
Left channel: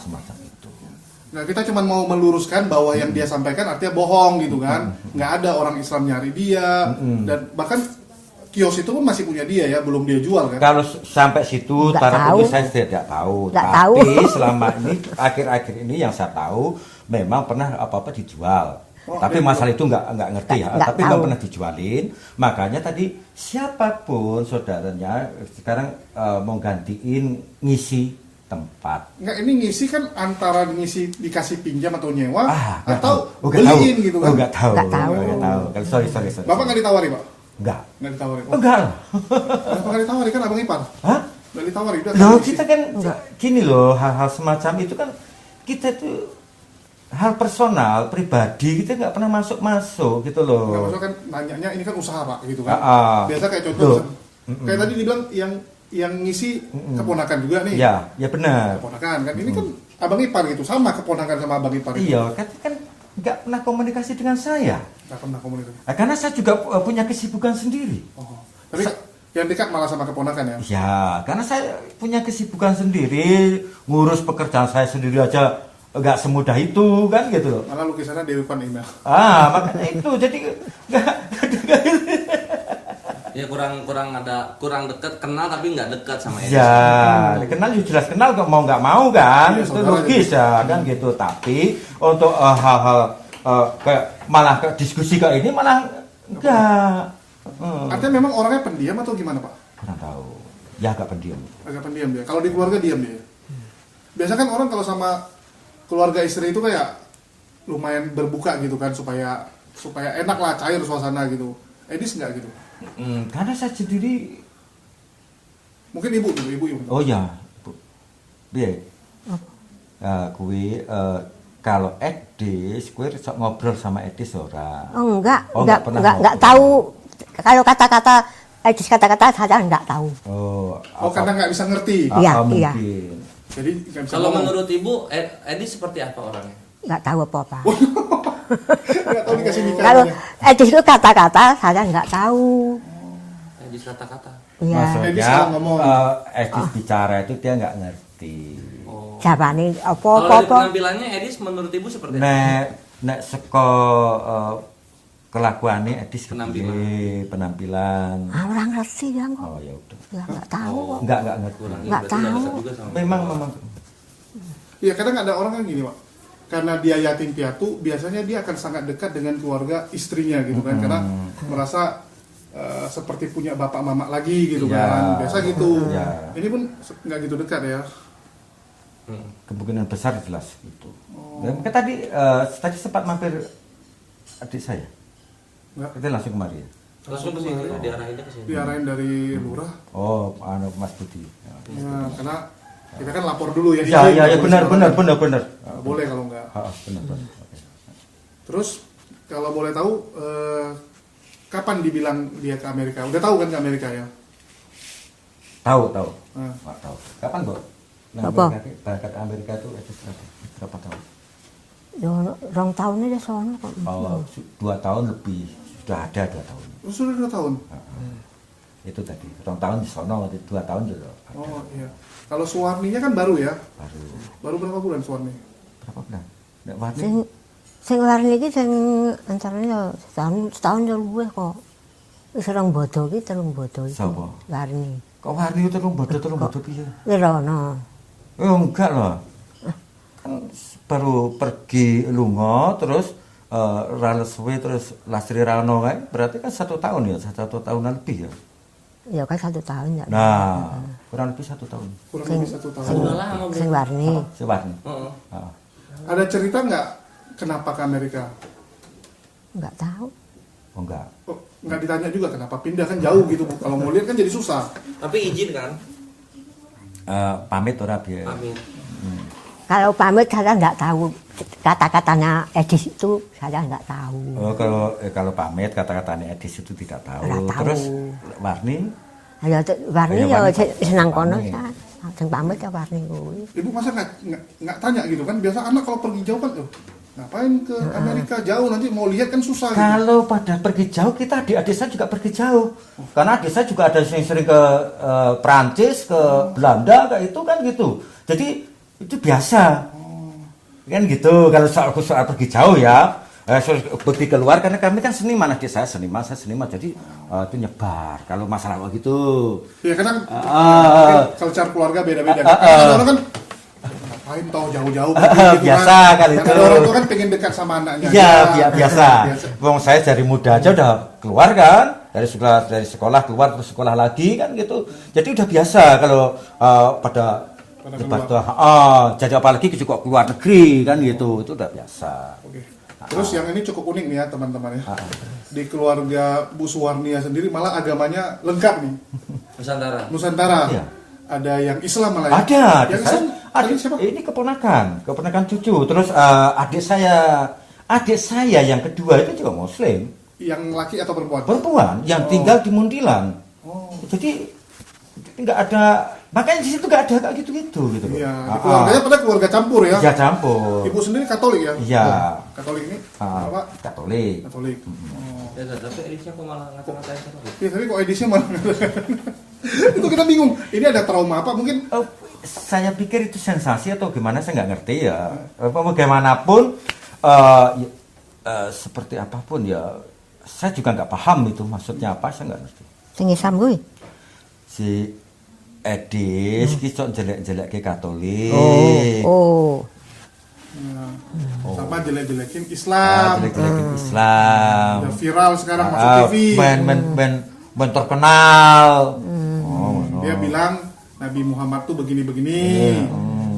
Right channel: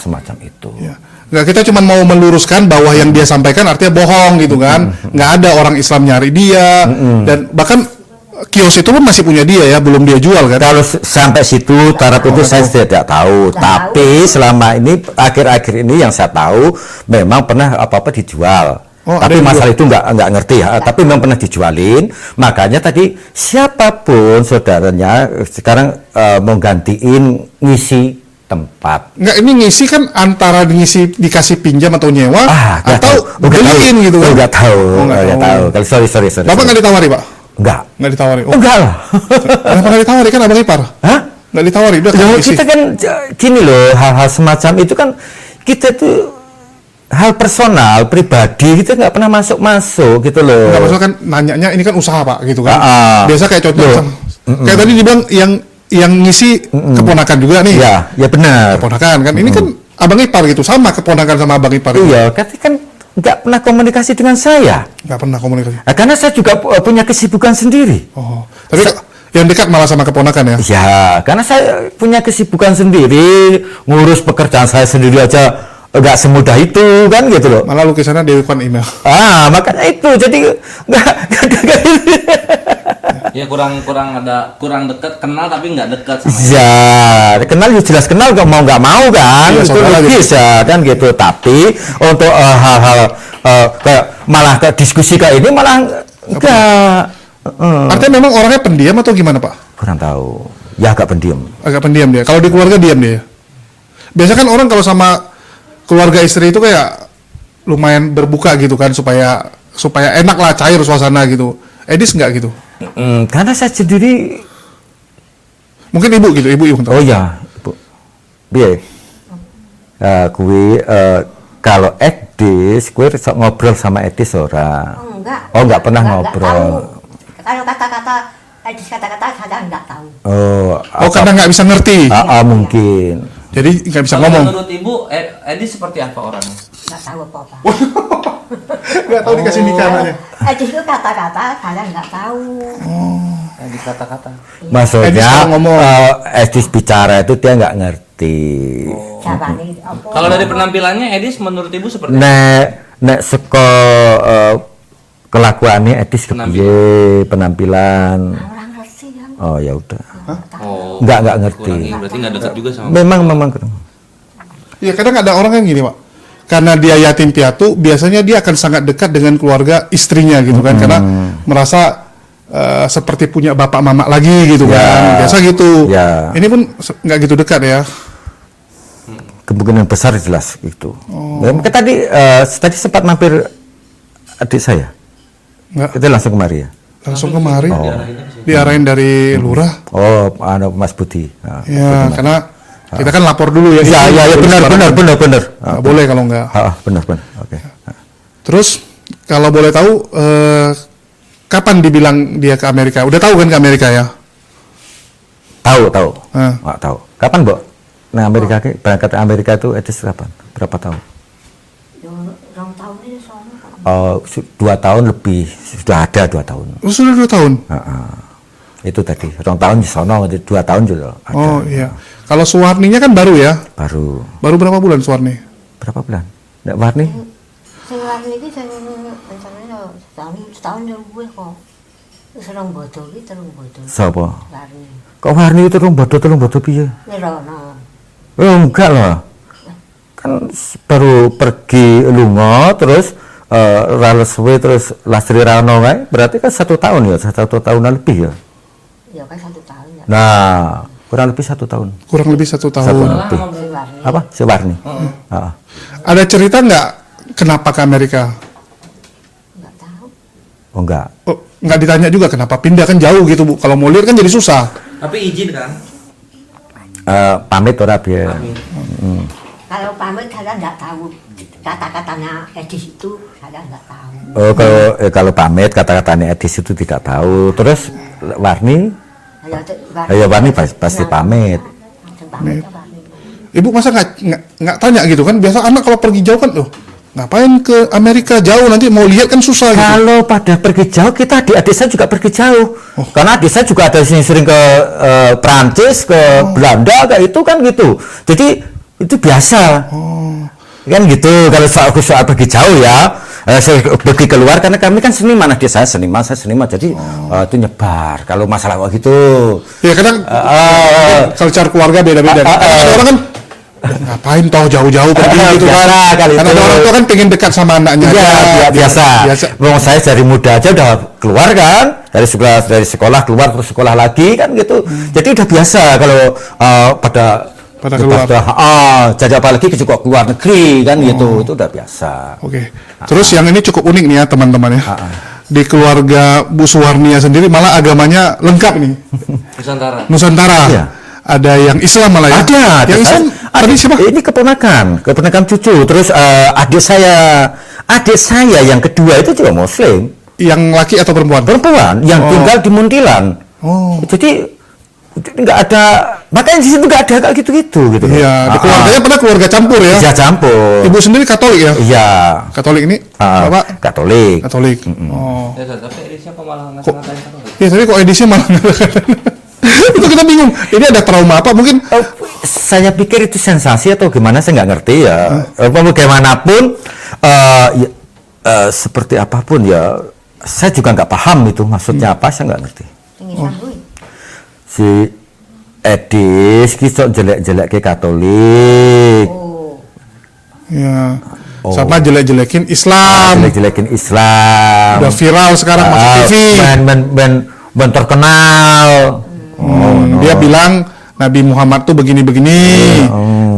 Semacam itu. Ya. Nggak, kita cuma mau meluruskan bahwa yang dia sampaikan artinya bohong gitu kan. Nggak ada orang Islam nyari dia, dan bahkan kios itu pun masih punya dia ya, belum dia jual kan. Kalau sampai situ taraf itu saya tidak tahu. Tapi selama ini akhir-akhir ini yang saya tahu memang pernah apa-apa dijual. Tapi masalah itu nggak ngerti ya. Tapi memang pernah dijualin. Makanya tadi siapapun saudaranya sekarang mau gantiin ngisi tempat. Nggak, ini ngisi kan antara dikasih pinjam atau nyewa atau beliin gitu kan. Nggak tahu. Kalau sorry. Bapak nggak ditawari Pak? Nggak ditawari. Enggak lah. Kenapa nggak ditawari, kan abang ipar? Hah? Nggak ditawari, udah kan ngisi. Kita kan gini loh, hal-hal semacam itu kan kita tuh hal personal, pribadi, kita nggak pernah masuk gitu loh. Nggak masalah kan, nanyanya ini kan usaha Pak gitu kan. Biasa kayak contoh kayak tadi dibilang yang ngisi keponakan juga nih. Ya benar. Keponakan kan, ini kan abang ipar gitu, sama keponakan sama abang ipar. Iya, kan nggak pernah komunikasi dengan saya. Nggak pernah komunikasi. Karena saya juga punya kesibukan sendiri. Tapi yang dekat malah sama keponakan ya? Ya, karena saya punya kesibukan sendiri, ngurus pekerjaan saya sendiri aja nggak semudah itu kan gitu loh. Malah lukisannya Dewi Kwan email. Makanya itu jadi nggak Ya kurang dekat, kenal tapi nggak dekat sama ya kenal ya jelas kenal nggak mau kan, iya, itu logis gitu. Ya kan gitu. Tapi untuk hal-hal kayak malah ke diskusi kayak ini malah enggak. Artinya memang orangnya pendiam atau gimana Pak? Kurang tahu. Ya agak pendiam. Agak pendiam dia. Kalau di keluarga diam dia. Biasanya kan orang kalau sama keluarga istri itu kayak lumayan berbuka gitu kan, supaya enak lah, cair suasana gitu. Edis nggak gitu? Karena saya sendiri. Mungkin ibu gitu, ibu. Oh iya, ibu. Biar. Kalau Edis, gue ngobrol sama Edis ora. Enggak pernah ngobrol. Enggak tahu. Kalau kata-kata Edis kata-kata saya enggak tahu. Karena nggak bisa ngerti. Mungkin. Jadi nggak bisa Kalau ngomong. menurut Ibu, Edis seperti apa orangnya? Enggak tahu apa-apa. Nggak tahu dikasih nikah Kalau aja. Edis itu kata-kata saya enggak tahu. Edis kata-kata. Iya. Maksudnya Edis kalau ngomong. Edis bicara itu dia nggak ngerti. Siapa nih? Apa? Kalau dari penampilannya Edis menurut Ibu seperti apa? Nek seko kelakuannya Edis kepiye penampilan. Orang ngerti kan? Oh ya udah. Nggak ngerti. Berarti nggak dekat juga sama. Memang Ya kadang ada orang yang gini Pak, karena dia yatim piatu, biasanya dia akan sangat dekat dengan keluarga istrinya gitu kan, karena merasa seperti punya bapak mama lagi gitu kan, biasa gitu. Ini pun nggak gitu dekat ya. Kemungkinan besar jelas itu. Tadi sempat mampir adik saya. Nggak. Kita langsung kemari ya. Langsung kemari, diarahin dari lurah. Mas Budi. Ya, karena kita kan lapor dulu ya. Ya, benar. Nggak boleh kalau nggak. Benar. Oke. Terus kalau boleh tahu, kapan dibilang dia ke Amerika? Udah tahu kan ke Amerika ya? Tahu. Nah. Tahu. Kapan, Mbok? Nah, berangkat ke Amerika itu Edis kapan? Berapa tahun? 2 tahun ini soalnya Pak. 2 tahun lebih. Sudah ada 2 tahun. Sudah 2 tahun? Itu tadi, 2 tahun di sono, 2 tahun juga ada. Oh iya. Kalau Suwarninya kan baru ya? Baru. Baru berapa bulan Suwarni? Berapa bulan? Nggak Warni? Sing warni iki sing rencane yo setahun yo luwih kok. Wis rong bodo iki 3 bodo. Sapa? Warni. Kok Warni itu telung bodo piye? Wirono. Oh, enggak lah. Kan baru pergi lunga terus rales suwe terus Lastri Rano kae. Berarti kan 1 tahun ya, 1 tahun lebih ya. Ya kan 1 tahun ya. Nah, kurang lebih 1 tahun. Kurang lebih 1 tahun. Lebih. Sing warni. Apa? Si Warni. Heeh. Ada cerita nggak kenapa ke Amerika? Enggak tahu. Oh enggak. Oh, nggak ditanya juga kenapa pindah, kan jauh gitu Bu. Kalau mau lihat kan jadi susah. Tapi izin kan? Pamit ora biar. Kalau pamit saya enggak tahu. Kata-katanya Edis itu saya enggak tahu. Oh, kalau pamit kata-katanya Edis itu tidak tahu. Terus Warni? Ayo Warni pasti pamit. Sing pamit ya Warni. Ibu masa nggak tanya gitu kan? Biasa anak kalau pergi jauh kan, loh ngapain ke Amerika jauh, nanti mau lihat kan susah gitu. Kalau pada pergi jauh, kita adik saya juga pergi jauh. Karena adik saya juga ada sering ke Prancis, ke Belanda, kayak itu kan gitu. Jadi itu biasa. Kan gitu, kalau soal pergi jauh ya. Saya pergi keluar karena kami kan seniman, adik saya seniman, saya seniman. Jadi itu nyebar. Kalau masalah gitu. Ya kadang culture keluarga beda-beda. Ada orang kan ngapain tahu jauh-jauh pergi gitu kan. Karena ada orang tua kan pengen dekat sama anaknya. Iya, biasa. Wong saya dari muda aja udah keluar kan, dari sekolah keluar terus sekolah lagi kan gitu. Jadi udah biasa kalau pada keluar. Jadi apalagi juga keluar negeri kan gitu, itu udah biasa. Oke. Terus yang ini cukup unik nih ya teman-teman ya. Di keluarga Bu Suwarnia sendiri malah agamanya lengkap nih. Nusantara. Iya. Ada yang Islam malah ya. Ada. Yang Islam tadi siapa? Ini keponakan cucu. Terus adik saya yang kedua itu juga Muslim. Yang laki atau perempuan? Perempuan yang tinggal di Muntilan. Jadi nggak ada, makanya di situ nggak ada kayak gitu-gitu gitu. Iya, di keluarganya pada keluarga campur ya. Iya, campur. Ibu sendiri Katolik ya? Iya. Katolik ini, Bapak? Katolik. Katolik. Ya, tapi edisinya kok malah ngata-ngatain Katolik? Iya, tapi kok edisinya malah itu kita bingung. Ini ada trauma apa? Mungkin Saya pikir itu sensasi atau gimana, saya nggak ngerti ya. Bagaimanapun, seperti apapun ya, saya juga nggak paham itu maksudnya apa, saya nggak ngerti. Sing Islam kuwi. Si Edis kisah jelek-jelek ke Katolik. ya. Sama jelek-jelekin Islam. Jelek-jelekin Islam. Udah viral sekarang masuk TV. Ben terkenal. Dia bilang Nabi Muhammad tuh begini-begini.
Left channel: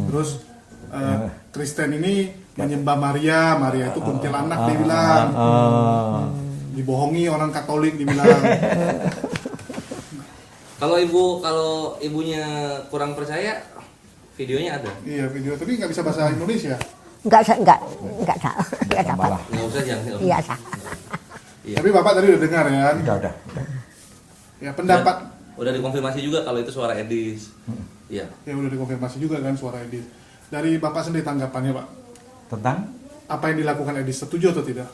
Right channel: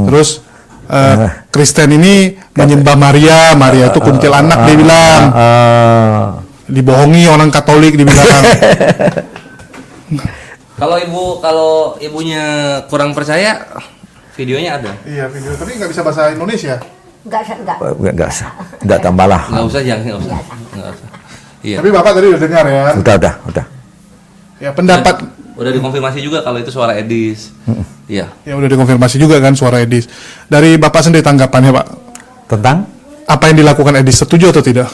Terus Kristen ini menyembah Maria. Maria itu kuntilanak dia bilang. Dibohongi orang Katolik dibilang. Kalau ibunya kurang percaya, videonya ada. Iya, video, tapi nggak bisa bahasa Indonesia. Enggak tambahlah. Nggak usah, jangan. Nggak Iya. usah. Iya. Tapi Bapak tadi udah dengar ya. Udah. Ya, pendapat Udah dikonfirmasi juga kalau itu suara Edis. Iya. ya udah dikonfirmasi juga kan suara Edis. Dari Bapak sendiri tanggapannya, Pak? Tentang Apa yang dilakukan Edis, setuju atau tidak?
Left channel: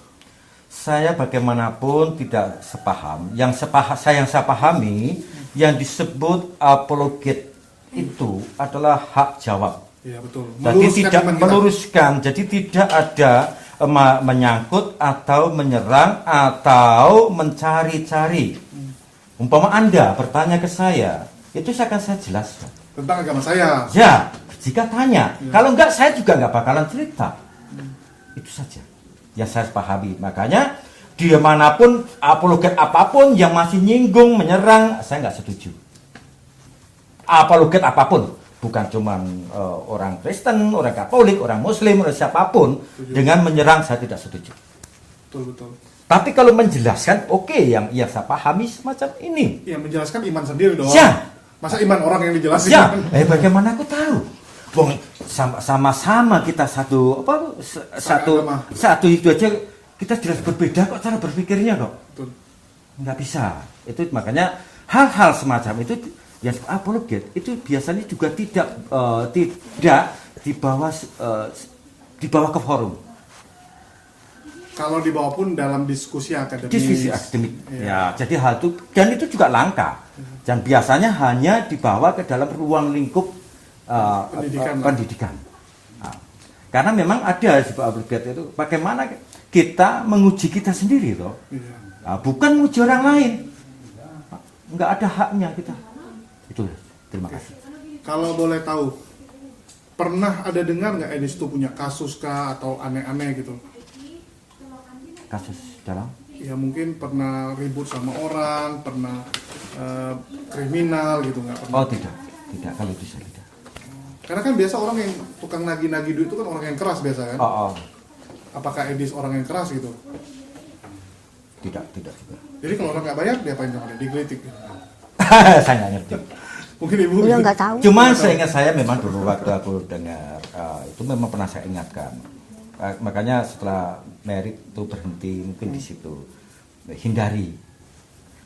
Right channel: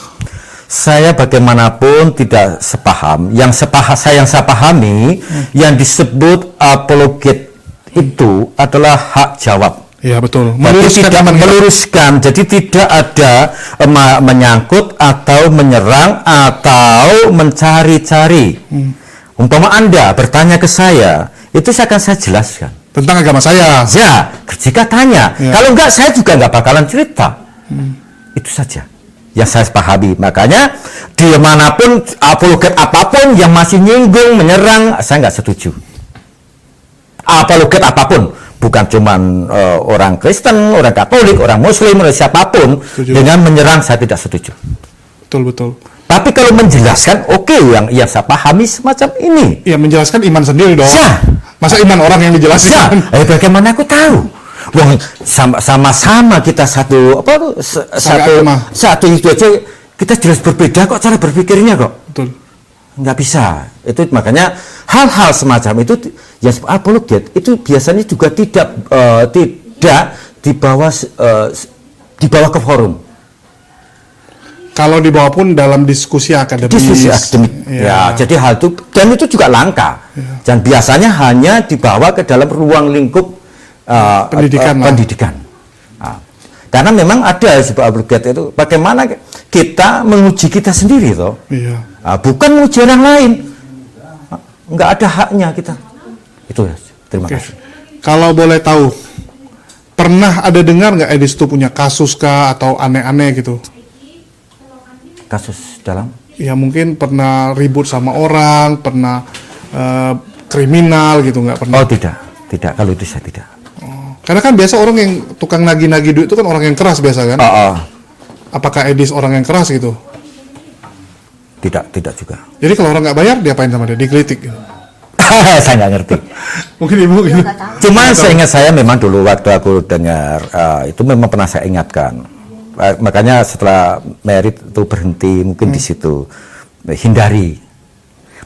saya bagaimanapun tidak sepaham. Yang saya pahami, yang disebut apologet itu adalah hak jawab. Iya, betul. Meluruskan. Jadi tidak ada menyangkut atau menyerang atau mencari-cari. Umpama Anda bertanya ke saya, itu akan saya jelaskan. Tentang agama saya. Ya, jika tanya. Ya. Kalau enggak, saya juga enggak bakalan cerita. Itu saja yang saya pahami. Makanya dimanapun apologet apapun yang masih nyinggung, menyerang, saya nggak setuju. Apologet apapun, bukan cuman orang Kristen, orang Katolik, orang Muslim, orang siapapun, dengan menyerang saya tidak setuju. Betul. Tapi kalau menjelaskan, oke, yang saya pahami semacam ini. Ya, menjelaskan iman sendiri dong. Ya. Masa iman orang yang dijelaskan? Bagaimana aku tahu? Wong sama-sama kita satu itu aja, kita jelas berbeda kok cara berpikirnya kok. Betul. Nggak bisa. Itu makanya hal-hal semacam itu yang apologet itu biasanya juga tidak dibawa ke forum. Kalau dibawa pun dalam diskusi akademis. Diskusi akademik. Ya, jadi hal itu dan itu juga langka. Dan biasanya hanya dibawa ke dalam ruang lingkup Pendidikan lah. pendidikan. Nah, karena memang ada sebuah apologet itu bagaimana kita menguji kita sendiri toh. Iya. Nah, bukan menguji orang lain. Nggak ada haknya kita. Itu ya. Terima Oke. kasih. Kalau boleh tahu, pernah ada dengar nggak Edis itu punya kasus kah atau aneh-aneh gitu? Kasus dalam Ya mungkin pernah ribut sama orang, pernah kriminal gitu, nggak pernah? Oh tidak kalau itu saya tidak. Karena kan biasa orang yang tukang nagih-nagih duit itu kan orang yang keras biasa kan? Oh. Apakah Edis orang yang keras gitu? Tidak juga. Jadi kalau orang nggak bayar, diapain sama dia? Digelitik gitu. Saya nggak ngerti. Mungkin ibu Ya gitu. nggak tahu. Cuma seingat saya memang dulu waktu aku dengar itu memang pernah saya ingatkan. Makanya setelah merit itu berhenti mungkin di situ. Hindari.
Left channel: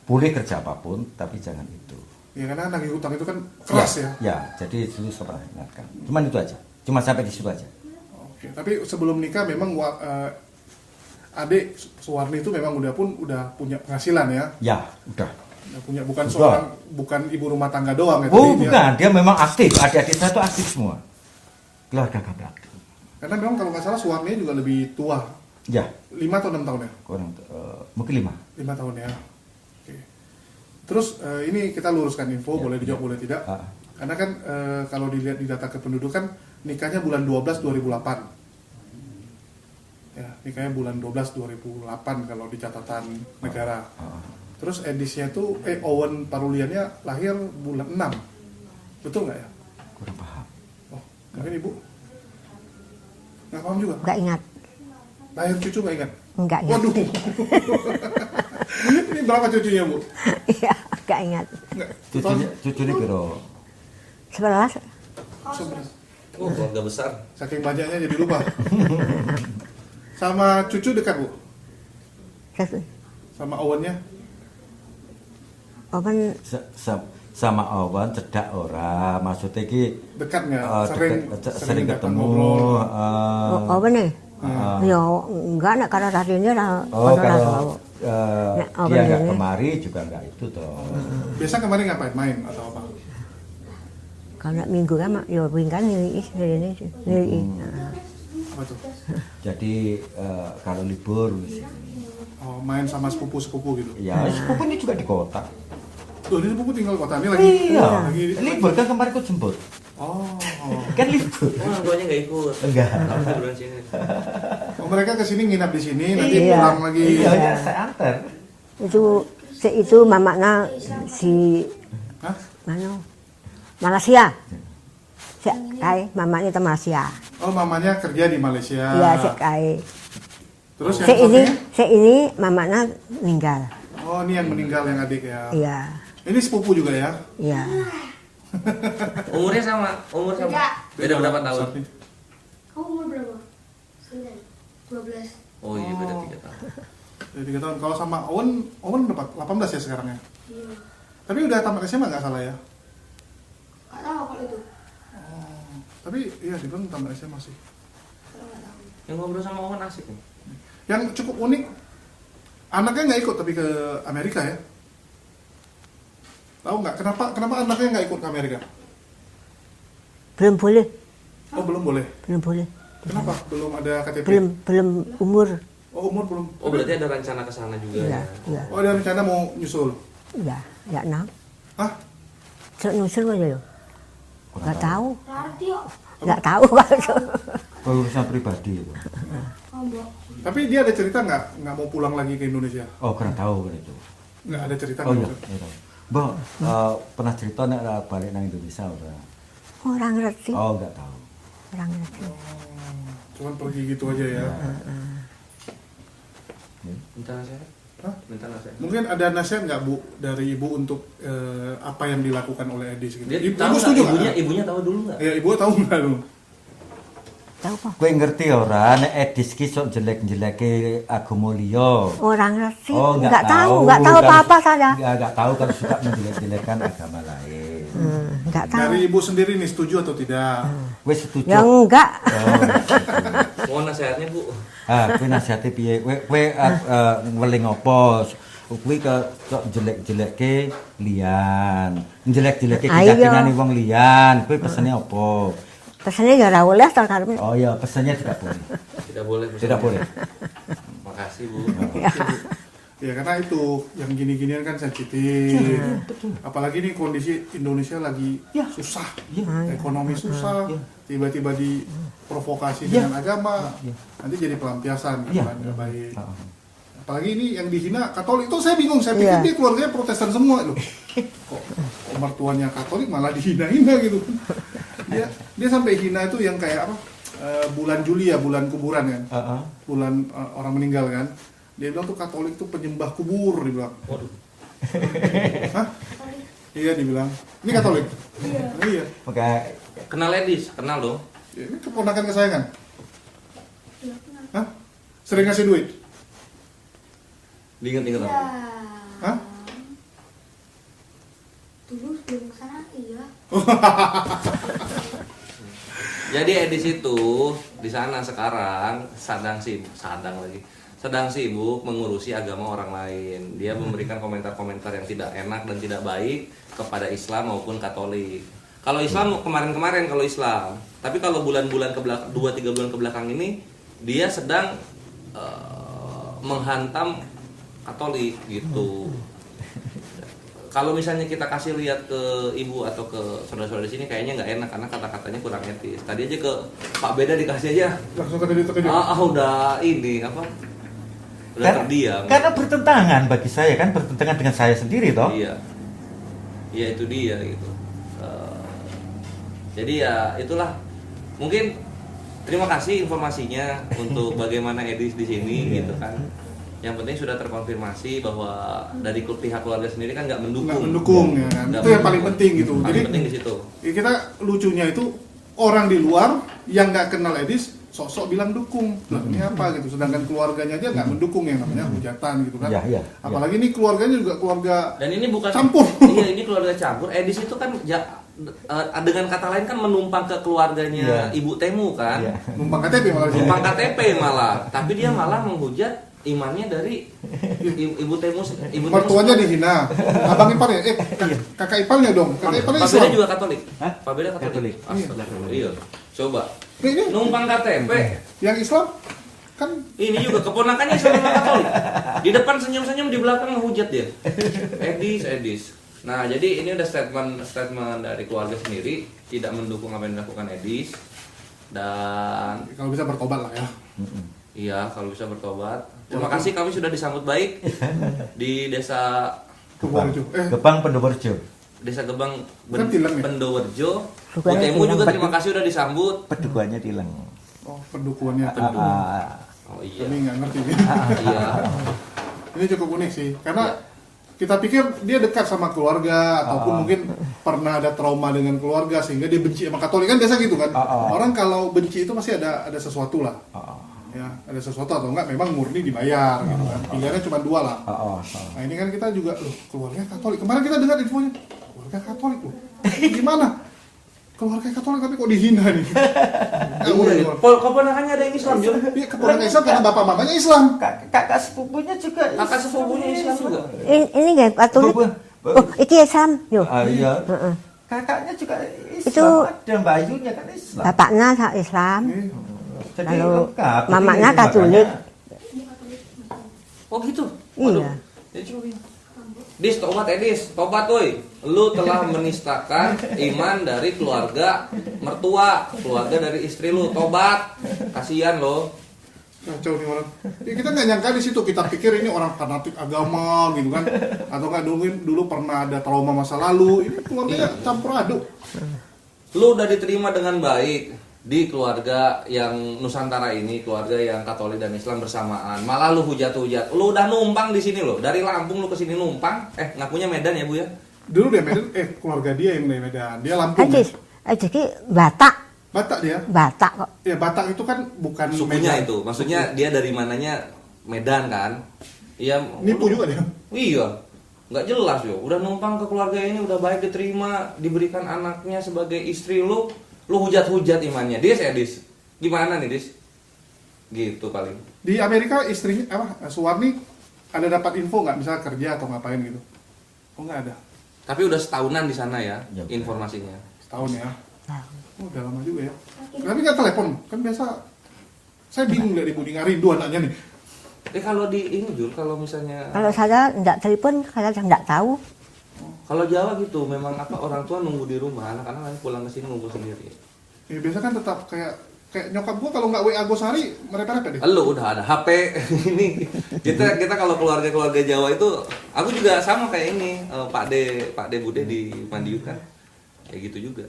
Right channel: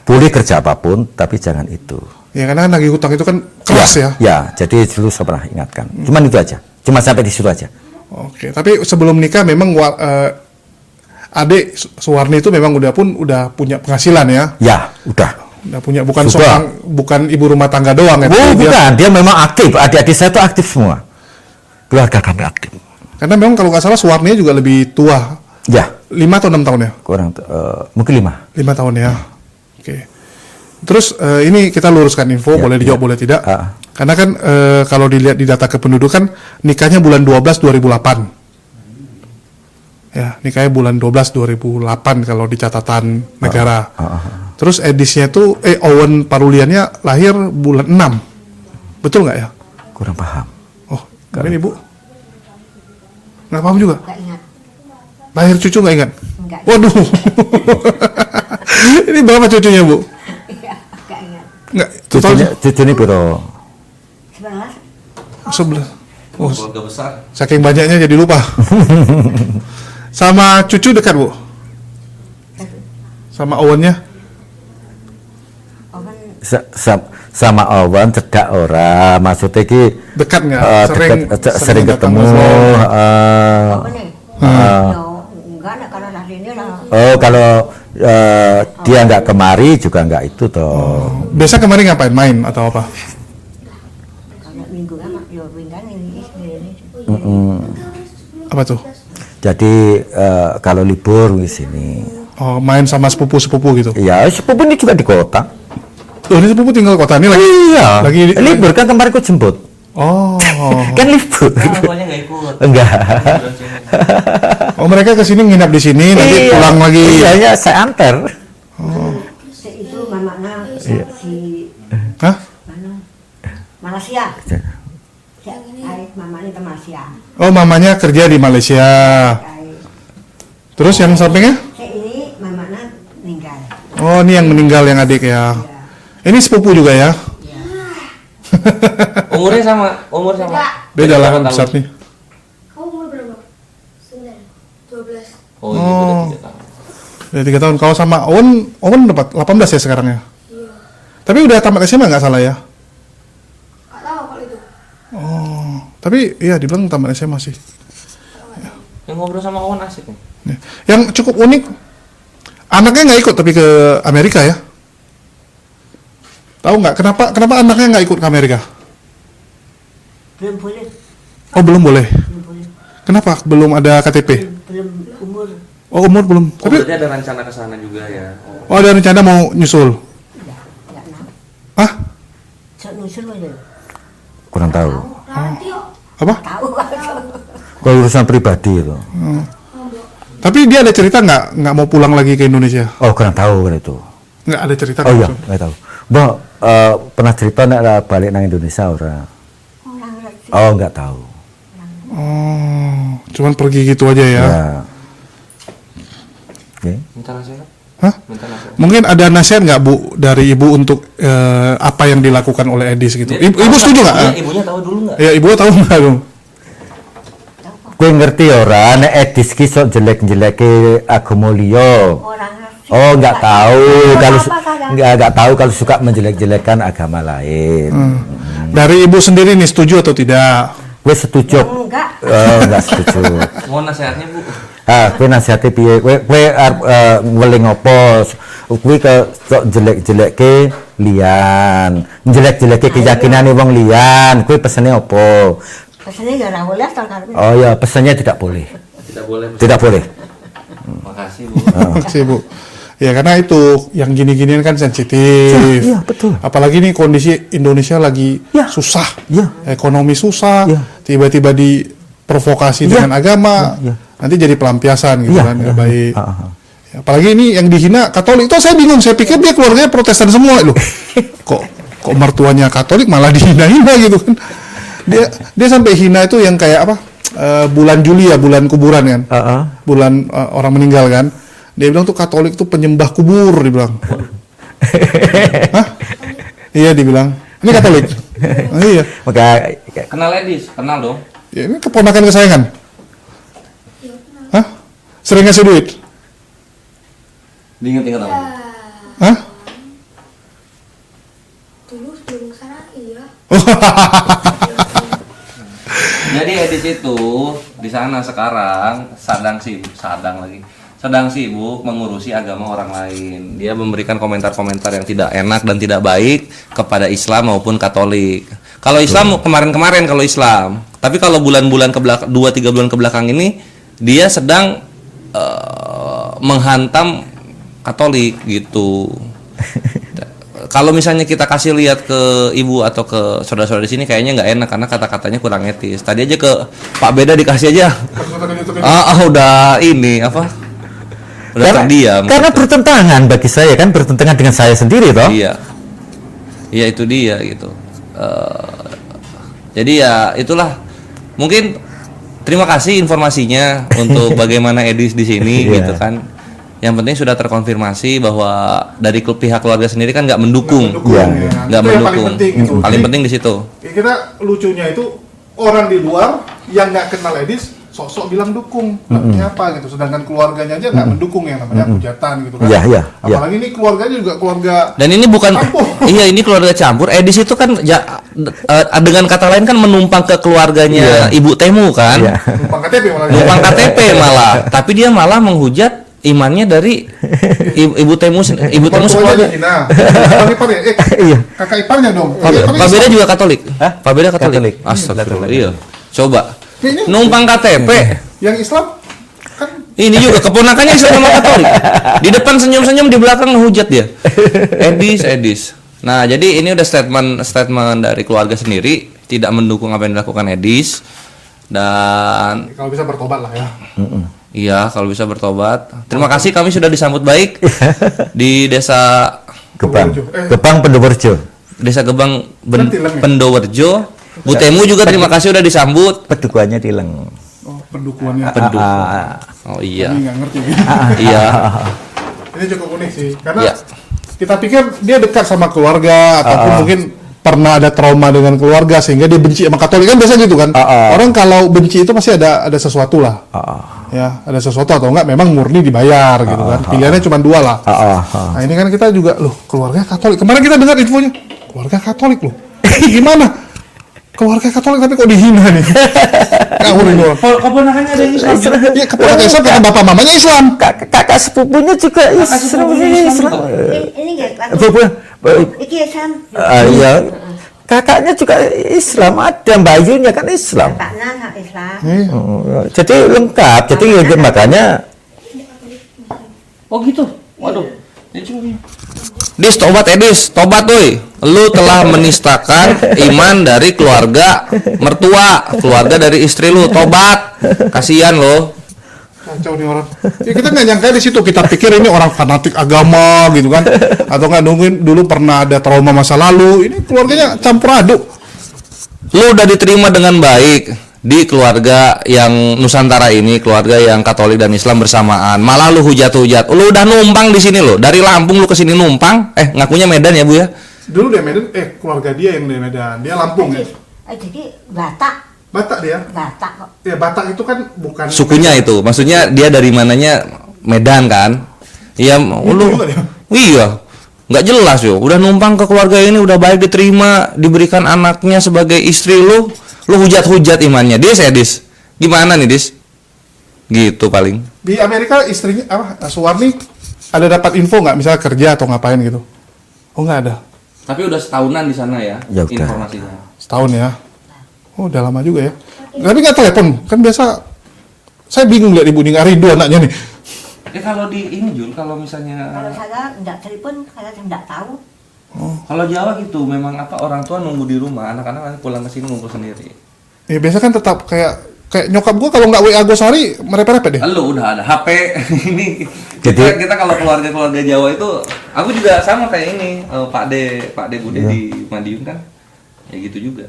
Boleh kerja apapun tapi jangan itu. Ya karena nagih hutang itu kan keras ya. Ya, jadi dulu saya pernah ingatkan. Cuman itu aja. Cuma sampai di situ aja. Oke, tapi sebelum nikah memang adik Suwarni itu memang udah punya penghasilan ya. Ya, udah. Udah punya bukan Sudah. bukan ibu rumah tangga doang ya. Oh, tapi dia- bukan. Dia memang aktif. Adik-adik saya itu aktif semua. Keluarga kami aktif. Karena memang kalau nggak salah Suwarni juga lebih tua. Ya, 5 atau 6 tahun ya? kurang mungkin 5. 5 tahun ya. Oke. Terus ini kita luruskan info, Ya, boleh dijawab ya. boleh tidak. Ah. Karena kan kalau dilihat di data kependudukan nikahnya bulan 12 2008. Ya, nikahnya bulan 12 2008 kalau di catatan negara. Terus Edisnya tuh Owen Paruliannya lahir bulan 6. Betul nggak ya? Kurang paham. Oh, ini Ibu. Nggak paham juga. Nggak ingat. Lahir cucu nggak ingat? Nggak ingat. Waduh. Ini berapa cucunya, Bu? Iya, nggak ingat. Nggak, total Cucunya piro? 11. 11. Oh, Keluarga besar. saking banyaknya jadi lupa. Sama cucu dekat, Bu? Satu. Sama Owennya? Owen Sama Owen cedak ora, maksudnya ki Dekat nggak? sering ketemu. Owen nih. Ya enggak nak karena tadinya lah. Oh, kalau dia nggak kemari juga nggak itu toh. Biasa kemarin ngapain? Main atau apa? Karena minggu kan ya minggu kan ini. Apa tuh? Jadi kalau libur di sini, Oh, main sama sepupu-sepupu gitu. ya sepupu ini juga di kota. Oh, ini sepupu tinggal kota ini lagi. Iya. Lagi Libur kan kemarin ku jemput. Oh. Kan libur. Tuanya nggak ikut. Enggak. Oh, mereka ke sini nginap di sini, nanti pulang lagi. Iya, ya, saya antar. Itu mamanya si Hah? mana? Malaysia. Si ai mamanya itu Malaysia. Oh, mamanya kerja di Malaysia. Ai. Terus yang sampingnya? Si ini mamanya meninggal. Oh, ini yang meninggal yang adik ya. Iya. Ini sepupu juga ya. Iya. Umur sama. Beda lah Berapa tahun? besar nih. Kamu umur berapa? 9, 12. Oh, iya, udah 3 tahun. Udah 3 tahun. Kalau sama Owen dapat 18 ya sekarang ya. Iya. Tapi udah tamat SMA nggak salah ya. Gak tahu kalau itu. Oh, tapi iya dibilang tamat SMA sih. Yang ngobrol sama Owen asik nih. Ya. Yang cukup unik, anaknya nggak ikut tapi ke Amerika ya. Tahu nggak kenapa anaknya nggak ikut ke Amerika? Belum boleh. Oh, belum boleh. Belum boleh. Kenapa? Belum ada KTP. Belum umur. Oh, umur belum. Oh, Tapi berarti ada rencana ke sana juga ya. oh, ada rencana mau nyusul. Enggak tahu. Hah? Sok nusul aja ya. Kurang tahu. Radio. Apa? Tahu kan. Kalau urusan pribadi itu. Tapi dia ada cerita nggak mau pulang lagi ke Indonesia? Oh, kurang tahu kan itu. Nggak ada cerita. Oh iya, langsung. nggak tahu. Mbak, pernah cerita nek balik nang Indonesia ora? Orang ngerti. Oh, nggak tahu. Orang ngerti. Oh, cuman pergi gitu aja ya. Ya. Oke. Minta nasihat? Hah? Minta nasihat. Mungkin ada nasihat nggak Bu dari Ibu untuk apa yang dilakukan oleh Edis gitu? Ibu setuju nggak? Ibunya tahu dulu nggak? Ya, Ibu tahu nggak dong? Tahu kok. Gue ngerti ora, nek Edis ki sok jelek-jeleke agama liya. Orang ngerti. Oh, nggak tahu kalau apa saya. nggak tahu kalau suka menjelek-jelekan agama lain. Dari Ibu sendiri nih setuju atau tidak? Kowe setuju? Ya enggak. Enggak setuju. Mau nasihatnya Bu? Kowe nasihati piye? Kowe arep weling apa? Kuwi kok jelek-jelekke liyan. Jelek-jelekke keyakinane wong liyan. Kuwi pesene apa? Pesennya ya ora oleh tak karep. Oh ya, pesannya tidak boleh. Tidak boleh. Tidak boleh. Makasih Bu. Sih Bu. Ya karena itu yang gini-ginian kan sensitif. Iya, betul. Apalagi nih kondisi Indonesia lagi susah. Iya. Ekonomi susah. Iya. Tiba-tiba diprovokasi dengan agama. Nanti jadi pelampiasan gitu Iya, kan. iya. Nggak baik. Ah. Ya, apalagi ini yang dihina Katolik. Itu saya bingung. Saya pikir dia keluarganya Protestan semua loh. Kok mertuanya Katolik malah dihina-hina gitu kan. Dia sampai hina itu yang kayak apa? Bulan Juli ya, bulan kuburan kan. Bulan orang meninggal kan. Dia bilang tuh Katolik tuh penyembah kubur, dia bilang. Hah? Iya, dibilang. Ini Katolik. Iya. Maka Kenal Edis? Kenal dong. Ya, ini keponakan kesayangan. Hah? Sering ngasih duit? Diinget-inget apa? Hah? Dulu sebelum kesana iya. Jadi Edis itu di sana sekarang sedang sibuk mengurusi agama orang lain. Dia memberikan komentar-komentar yang tidak enak dan tidak baik kepada Islam maupun Katolik. Kalau Islam kemarin-kemarin kalau Islam, tapi kalau bulan-bulan 2-3 bulan ke belakang ini dia sedang menghantam Katolik gitu. Kalau misalnya kita kasih lihat ke ibu atau ke saudara-saudara di sini kayaknya nggak enak karena kata-katanya kurang etis. Tadi aja ke Pak Beda dikasih aja. Udah ini apa? Udah terdiam. karena bertentangan bagi saya kan, bertentangan dengan saya sendiri toh. Iya. Iya itu dia gitu. Jadi ya itulah. Mungkin terima kasih informasinya untuk bagaimana Edis di sini Iya. gitu kan. Yang penting sudah terkonfirmasi bahwa dari pihak keluarga sendiri kan nggak mendukung. Iya. Nggak Itu yang mendukung. paling penting gitu. Paling Jadi, penting di situ. kita lucunya itu orang di luar yang nggak kenal Edis sok-sok bilang dukung, namanya apa gitu. Sedangkan keluarganya aja nggak mendukung yang namanya hujatan gitu kan. Iya, iya, iya. Apalagi ini keluarganya juga keluarga Dan ini bukan campur. iya ini keluarga campur. Edis itu kan dengan kata lain kan menumpang ke keluarganya Ibu Temu kan. Iya. numpang KTP malah. Numpang KTP malah. Tapi dia malah menghujat imannya dari Ibu Temu Mertuanya sekolah. dihina. Kakak ipar ya? Iya. Kakak iparnya dong. Kakak iparnya Pak Beda Islam. juga Katolik. Hah? Pak Beda Katolik. Katolik. Astagfirullah. Iya. Coba. Ini Numpang KTP. yang Islam kan Ini juga keponakannya Islam sama Katolik. Di depan senyum-senyum, di belakang ngehujat dia. Edis. Nah, jadi ini udah statement dari keluarga sendiri tidak mendukung apa yang dilakukan Edis dan kalau bisa bertobat lah ya. iya kalau bisa bertobat. Terima kasih kami sudah disambut baik di desa Gebang. Pendowerjo. Gebang Pendowerjo. Desa Gebang Nanti lang ya? Pendowerjo. Bu Temu juga terima kasih udah disambut. Pedukuhannya Tileng. Oh, pendukungannya. Oh iya. Ini nggak ngerti. Iya. Ini cukup unik sih, karena Iya. kita pikir dia dekat sama keluarga ataupun mungkin pernah ada trauma dengan keluarga sehingga dia benci sama Katolik kan biasa gitu kan. Orang kalau benci itu pasti ada sesuatu lah. Ya, ada sesuatu atau enggak memang murni dibayar gitu kan. Pilihannya cuma dua lah. Nah, ini kan kita juga loh, keluarga Katolik. Kemarin kita dengar infonya, keluarga Katolik loh. Ini gimana? Keluarga Katolik tapi kok dihina nih? Ngawur ini orang. Keponakannya ada yang Islam. Iya, keponakan Islam karena bapak mamanya Islam. Kakak sepupunya juga Islam. Ini nggak patuh. Iki Islam. Iya. Kakaknya juga Islam, ada Bayunya kan Islam. Bapaknya Islam. Jadi lengkap. Jadi Mamanya makanya Oh gitu. Waduh. Dis tobat Edis, tobat tuh. Lu telah menistakan iman dari keluarga mertua, keluarga dari istri lu. Tobat. Kasihan lo. Kacau nih orang. Ya, kita nggak nyangka di situ. Kita pikir ini orang fanatik agama gitu kan, atau nggak nungguin dulu pernah ada trauma masa lalu. Ini keluarganya campur aduk. Lu udah diterima dengan baik di keluarga yang Nusantara ini, keluarga yang Katolik dan Islam bersamaan. Malah lu hujat-hujat. Lu udah numpang di sini lo. Dari Lampung lu ke sini numpang. Ngakunya Medan ya, Bu ya? Dulu dia Medan, keluarga dia yang di Medan. Dia Lampung. Ya? Jadi Batak. Batak dia. Batak kok. Ya Batak itu kan bukan Sukunya Medan. itu. Maksudnya dia dari mananya Medan kan? Iya, lu. juga dia. Iya. Nggak jelas yo. Udah numpang ke keluarga ini udah baik diterima, diberikan anaknya sebagai istri lu. Lu hujat-hujat imannya. Dis ya, Dis. Gimana nih, Dis? Gitu paling. Di Amerika istrinya Suwarni ada dapat info nggak misalnya kerja atau ngapain gitu? Oh nggak ada. Tapi udah setahunan di sana ya, Ya udah. informasinya. Setahun ya. Oh udah lama juga ya. Tapi nggak telepon kan biasa. Saya bingung lihat ibu nih rindu anaknya nih. Kalau di ini Jul, kalau misalnya Kalau saya enggak telepon, saya enggak tahu. kalau Jawa gitu memang orang tua nunggu di rumah, anak-anak nanti pulang ke sini ngumpul sendiri. Ya biasa kan tetap kayak nyokap gua kalau nggak WA gua sehari merepet-repet deh. Lu udah ada HP ini. Jadi- kita kalau keluarga Jawa itu, aku juga sama kayak ini, Pak De Bude di Madiun kan. Ya gitu juga.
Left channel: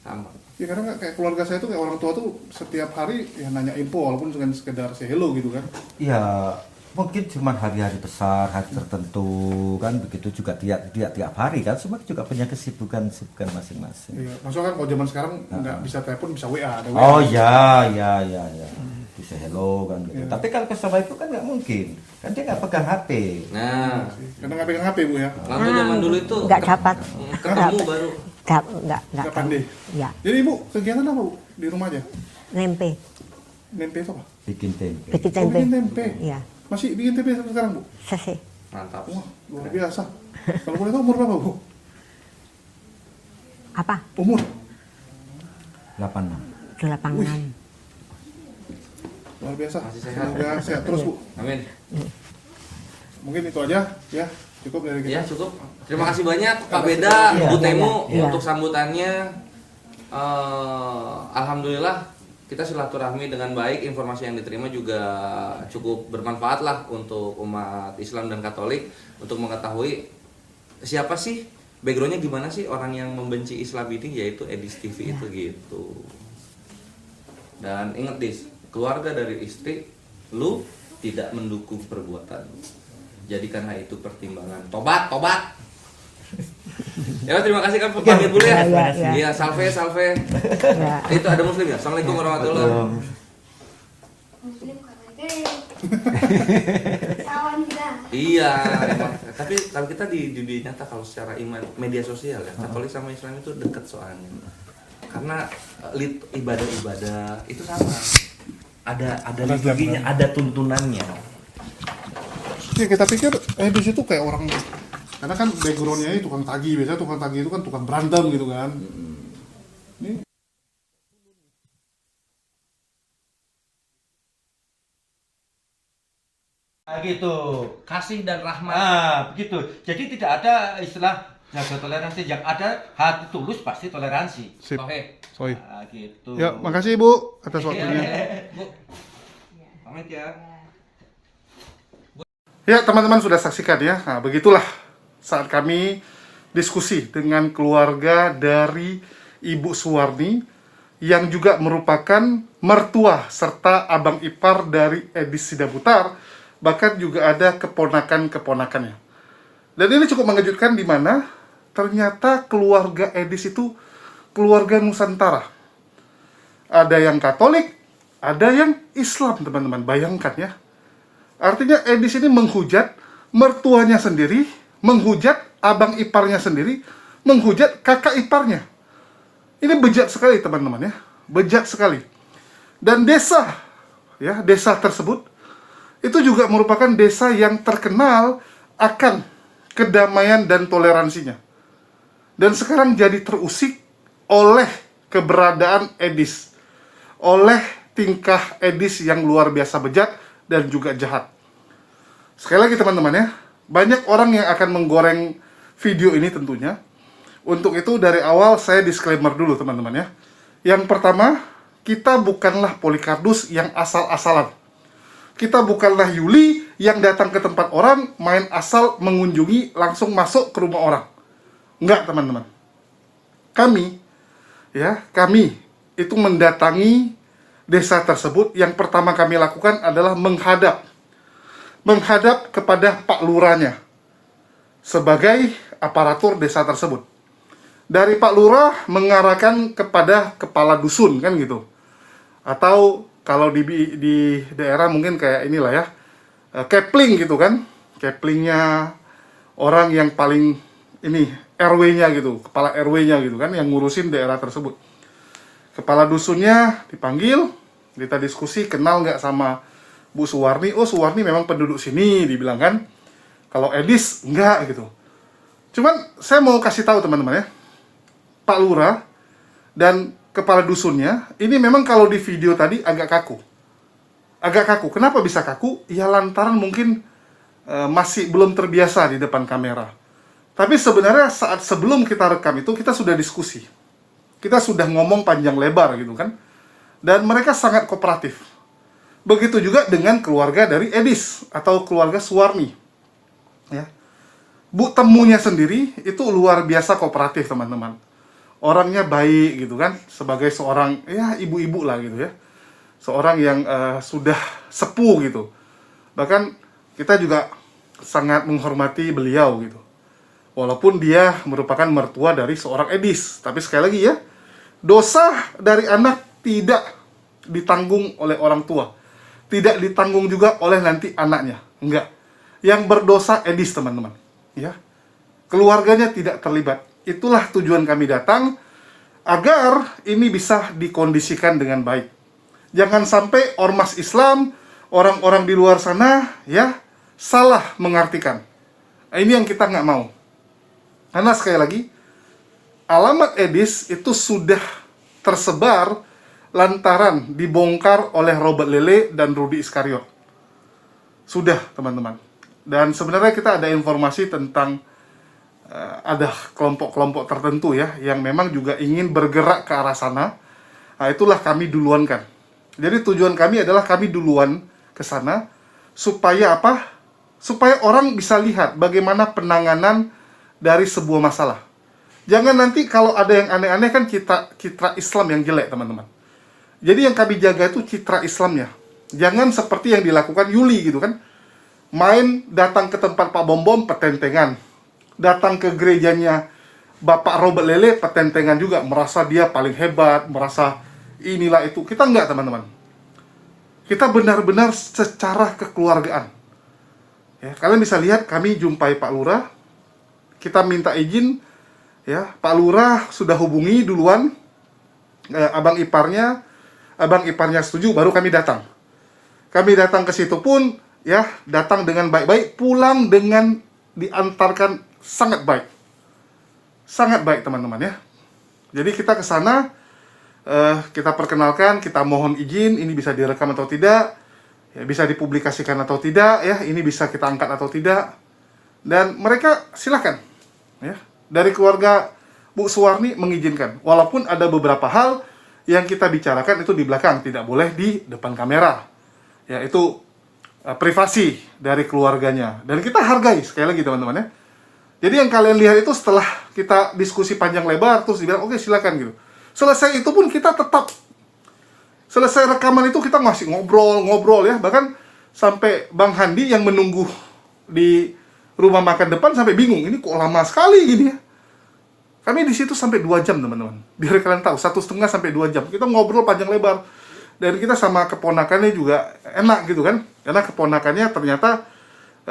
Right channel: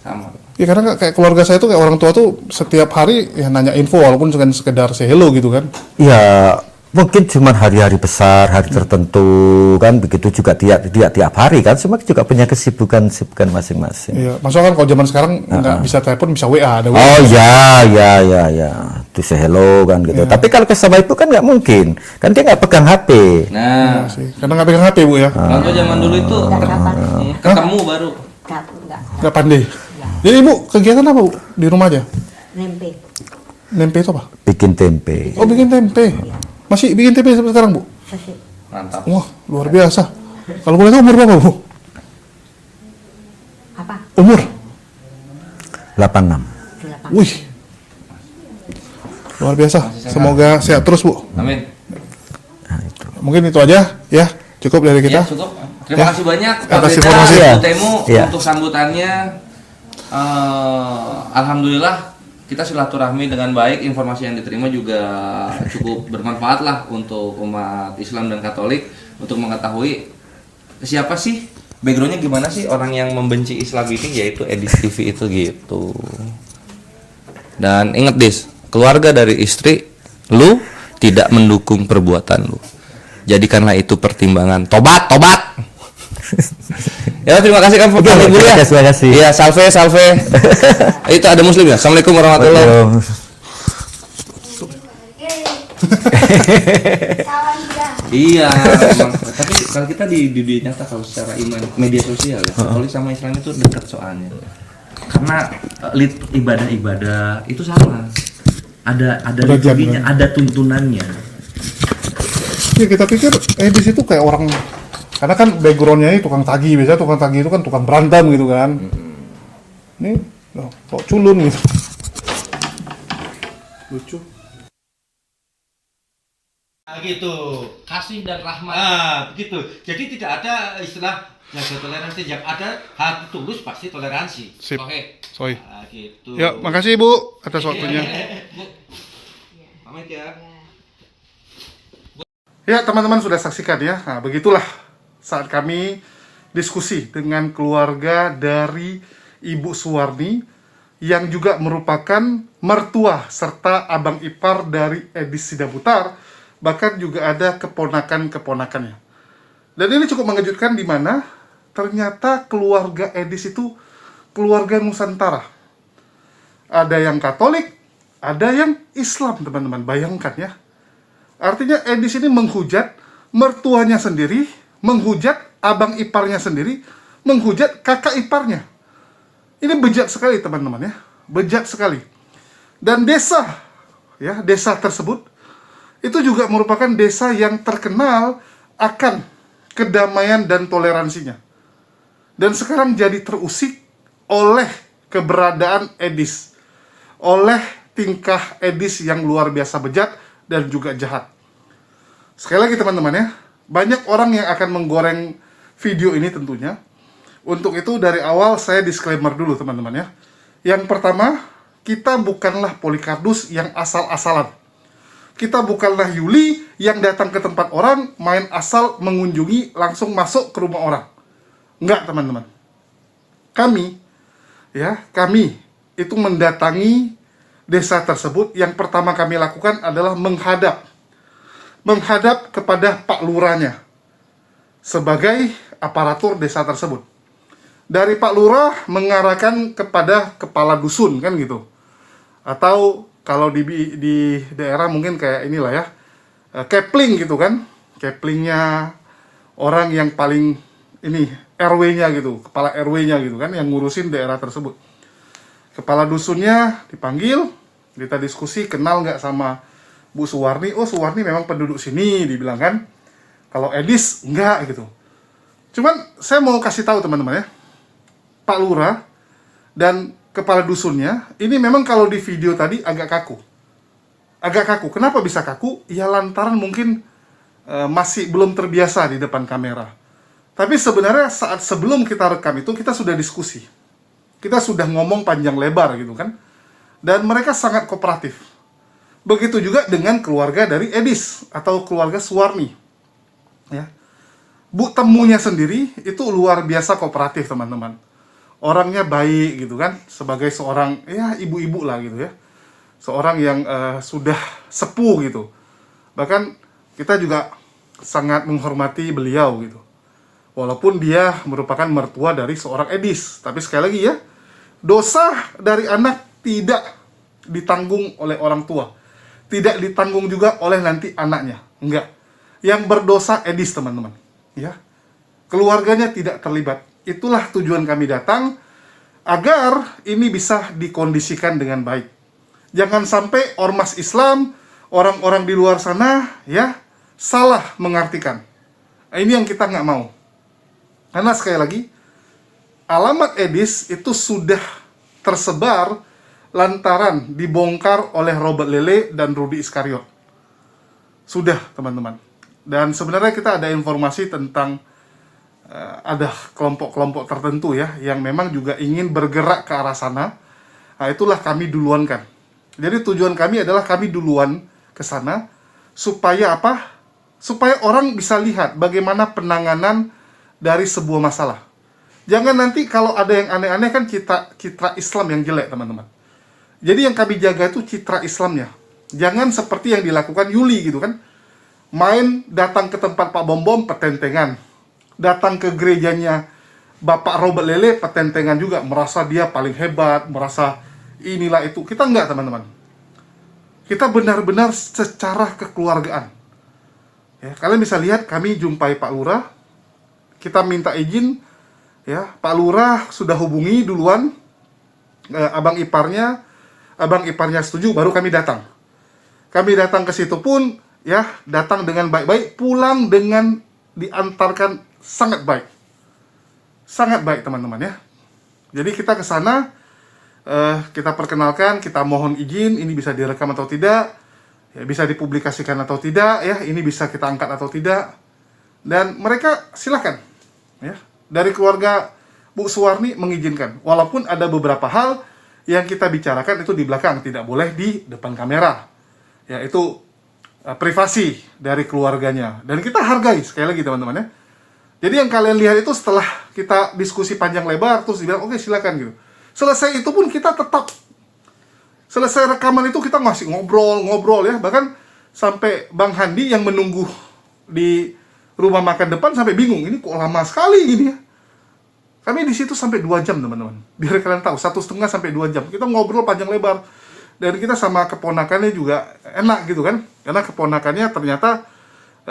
Sama. Ya karena kayak keluarga saya tuh kayak orang tua tuh setiap hari ya nanya info walaupun cuma sekedar say hello gitu kan. Ya mungkin cuma hari-hari besar, hari tertentu kan, begitu juga tiap hari kan, semua juga punya kesibukan masing-masing. Iya, maksudnya kan kalau zaman sekarang nggak bisa telepon bisa WA, ada WA. Oh ya, itu say hello kan gitu. Tapi kalau ke sama ibu kan nggak mungkin, kan dia nggak pegang HP. Nah, Sih, karena nggak pegang HP bu ya, kalau zaman dulu itu Enggak kapan. ketemu baru. Enggak. nggak pandai. Ya, Jadi ibu kegiatan apa bu di rumah aja? nempe. Nempe itu apa? Bikin tempe. Oh bikin tempe. Iya. Masih bikin tempe sampai sekarang bu? Sesi. Mantap. Wah luar biasa. Kalau boleh tahu umur berapa bu? Apa? Umur? 86. 8. Wih, luar biasa. Semoga sehat terus bu. Amin. Mungkin itu aja ya, cukup dari Ya, kita. cukup. Terima Ya. kasih banyak Pak Atas Beda, informasi. Bu Temu Ya. untuk sambutannya. Alhamdulillah kita silaturahmi dengan baik, informasi yang diterima juga cukup bermanfaat lah untuk umat Islam dan Katolik untuk mengetahui siapa sih backgroundnya, gimana sih orang yang membenci Islam ini, yaitu Edis TV itu gitu. Dan inget Dis, keluarga dari istri lu tidak mendukung perbuatan lu. Jadikanlah itu pertimbangan. Tobat. Ya terima kasih kan Pak Ibu ya. Terima kasih. Iya, salve. Itu ada muslim ya. Assalamualaikum warahmatullahi wabarakatuh. Salam ya. Iya, memang. Tapi kalau kita di dunia nyata, kalau secara iman media sosial ya, Katolik sama Islam itu dekat soalnya. Karena ibadah itu sama. Ada liturginya, ada tuntunannya. Ya kita pikir Edis itu kayak orang, karena kan backgroundnya ini tukang tagih, biasanya tukang tagih itu kan tukang berantem gitu kan. Ini kok culun gitu. Lucu. Gitu. Kasih dan rahmat. Begitu. Jadi tidak ada istilah jaga toleransi, yang ada hati tulus pasti toleransi. Sip. Oke. Sorry. Gitu. Ya, makasih Ibu atas waktunya. Bu. Pamit ya. Ya, teman-teman sudah saksikan ya. Nah, begitulah saat kami diskusi dengan keluarga dari Ibu Suwarni yang juga merupakan mertua serta abang ipar dari Edis Sidabutar, bahkan juga ada keponakan-keponakannya. Dan ini cukup mengejutkan di mana ternyata keluarga Edis itu keluarga Nusantara. Ada yang Katolik, ada yang Islam, teman-teman. Bayangkan ya. Artinya Edis ini menghujat mertuanya sendiri, menghujat abang iparnya sendiri, menghujat kakak iparnya. Ini bejat sekali teman-teman ya, bejat sekali. Dan desa tersebut itu juga merupakan desa yang terkenal akan kedamaian dan toleransinya. Dan sekarang jadi terusik oleh keberadaan Edis, oleh tingkah Edis yang luar biasa bejat dan juga jahat. Sekali lagi teman-teman ya, banyak orang yang akan menggoreng video ini tentunya. Untuk itu dari awal saya disclaimer dulu teman-teman ya. Yang pertama, kita bukanlah Polikardus yang asal-asalan. Kita bukanlah Yuli yang datang ke tempat orang, main asal mengunjungi, langsung masuk ke rumah orang. Enggak teman-teman. Kami itu mendatangi desa tersebut. Yang pertama kami lakukan adalah menghadap kepada Pak Lurahnya sebagai aparatur desa tersebut. Dari Pak Lurah mengarahkan kepada kepala dusun kan gitu. Atau kalau di daerah mungkin kayak inilah ya, kepling gitu kan. Keplingnya orang yang paling ini RW-nya gitu, kepala RW-nya gitu kan, yang ngurusin daerah tersebut. Kepala dusunnya dipanggil, kita diskusi, kenal nggak sama Bu Suwarni? Oh, Suwarni memang penduduk sini, dibilang kan. Kalau Edis enggak gitu. Cuman saya mau kasih tahu teman-teman ya, Pak Lurah dan kepala dusunnya ini memang kalau di video tadi agak kaku. Agak kaku. Kenapa bisa kaku? Ya lantaran mungkin masih belum terbiasa di depan kamera. Tapi sebenarnya saat sebelum kita rekam itu kita sudah diskusi. Kita sudah ngomong panjang lebar gitu kan. Dan mereka sangat kooperatif. Begitu juga dengan keluarga dari Edis atau keluarga Suwarni. Ya. Bu temunya sendiri itu luar biasa kooperatif, teman-teman. Orangnya baik gitu kan, sebagai seorang ya ibu-ibu lah gitu ya. Seorang yang sudah sepuh gitu. Bahkan kita juga sangat menghormati beliau gitu. Walaupun dia merupakan mertua dari seorang Edis, tapi sekali lagi ya, dosa dari anak tidak ditanggung oleh orang tua. Tidak ditanggung juga oleh nanti anaknya. Enggak. Yang berdosa Edis, teman-teman. Ya. Keluarganya tidak terlibat. Itulah tujuan kami datang, agar ini bisa dikondisikan dengan baik. Jangan sampai ormas Islam, orang-orang di luar sana, ya, salah mengartikan. Ini yang kita nggak mau. Karena sekali lagi, alamat Edis itu sudah tersebar lantaran dibongkar oleh Robert Lele dan Rudy Iskariot. Sudah, teman-teman. Dan sebenarnya kita ada informasi tentang ada kelompok-kelompok tertentu ya, yang memang juga ingin bergerak ke arah sana. Nah, itulah kami duluankan. Jadi tujuan kami adalah kami duluan ke sana, supaya apa? Supaya orang bisa lihat bagaimana penanganan dari sebuah masalah. Jangan nanti kalau ada yang aneh-aneh kan citra Islam yang jelek, teman-teman. Jadi yang kami jaga itu citra Islamnya. Jangan seperti yang dilakukan Yuli gitu kan. Main datang ke tempat Pak Bom-Bom, petentengan. Datang ke gerejanya Bapak Robert Lele, petentengan juga. Merasa dia paling hebat, merasa inilah itu. Kita enggak, teman-teman. Kita benar-benar secara kekeluargaan. Ya, kalian bisa lihat kami jumpai Pak Lurah. Kita minta izin, ya, Pak Lurah sudah hubungi duluan abang iparnya setuju, baru kami datang. Kami datang ke situ pun, ya, datang dengan baik-baik, pulang dengan diantarkan sangat baik, teman-teman ya. Jadi kita ke sana, kita perkenalkan, kita mohon izin, ini bisa direkam atau tidak, ya, bisa dipublikasikan atau tidak, ya, ini bisa kita angkat atau tidak, dan mereka silakan. Ya, dari keluarga Bu Suwarni mengizinkan, walaupun ada beberapa hal yang kita bicarakan itu di belakang, tidak boleh di depan kamera. Ya, itu privasi dari keluarganya, dan kita hargai sekali lagi, teman-teman ya. Jadi yang kalian lihat itu setelah kita diskusi panjang lebar, terus dibilang oke, silakan gitu. Selesai itu pun kita tetap, selesai rekaman itu kita masih ngobrol ya, bahkan sampai Bang Handi yang menunggu di rumah makan depan sampai bingung, ini kok lama sekali gini ya. Kami di situ sampai 2 jam, teman-teman. Biar kalian tahu, 1,5 sampai 2 jam. Kita ngobrol panjang lebar. Dan kita sama keponakannya juga enak gitu kan. Karena keponakannya ternyata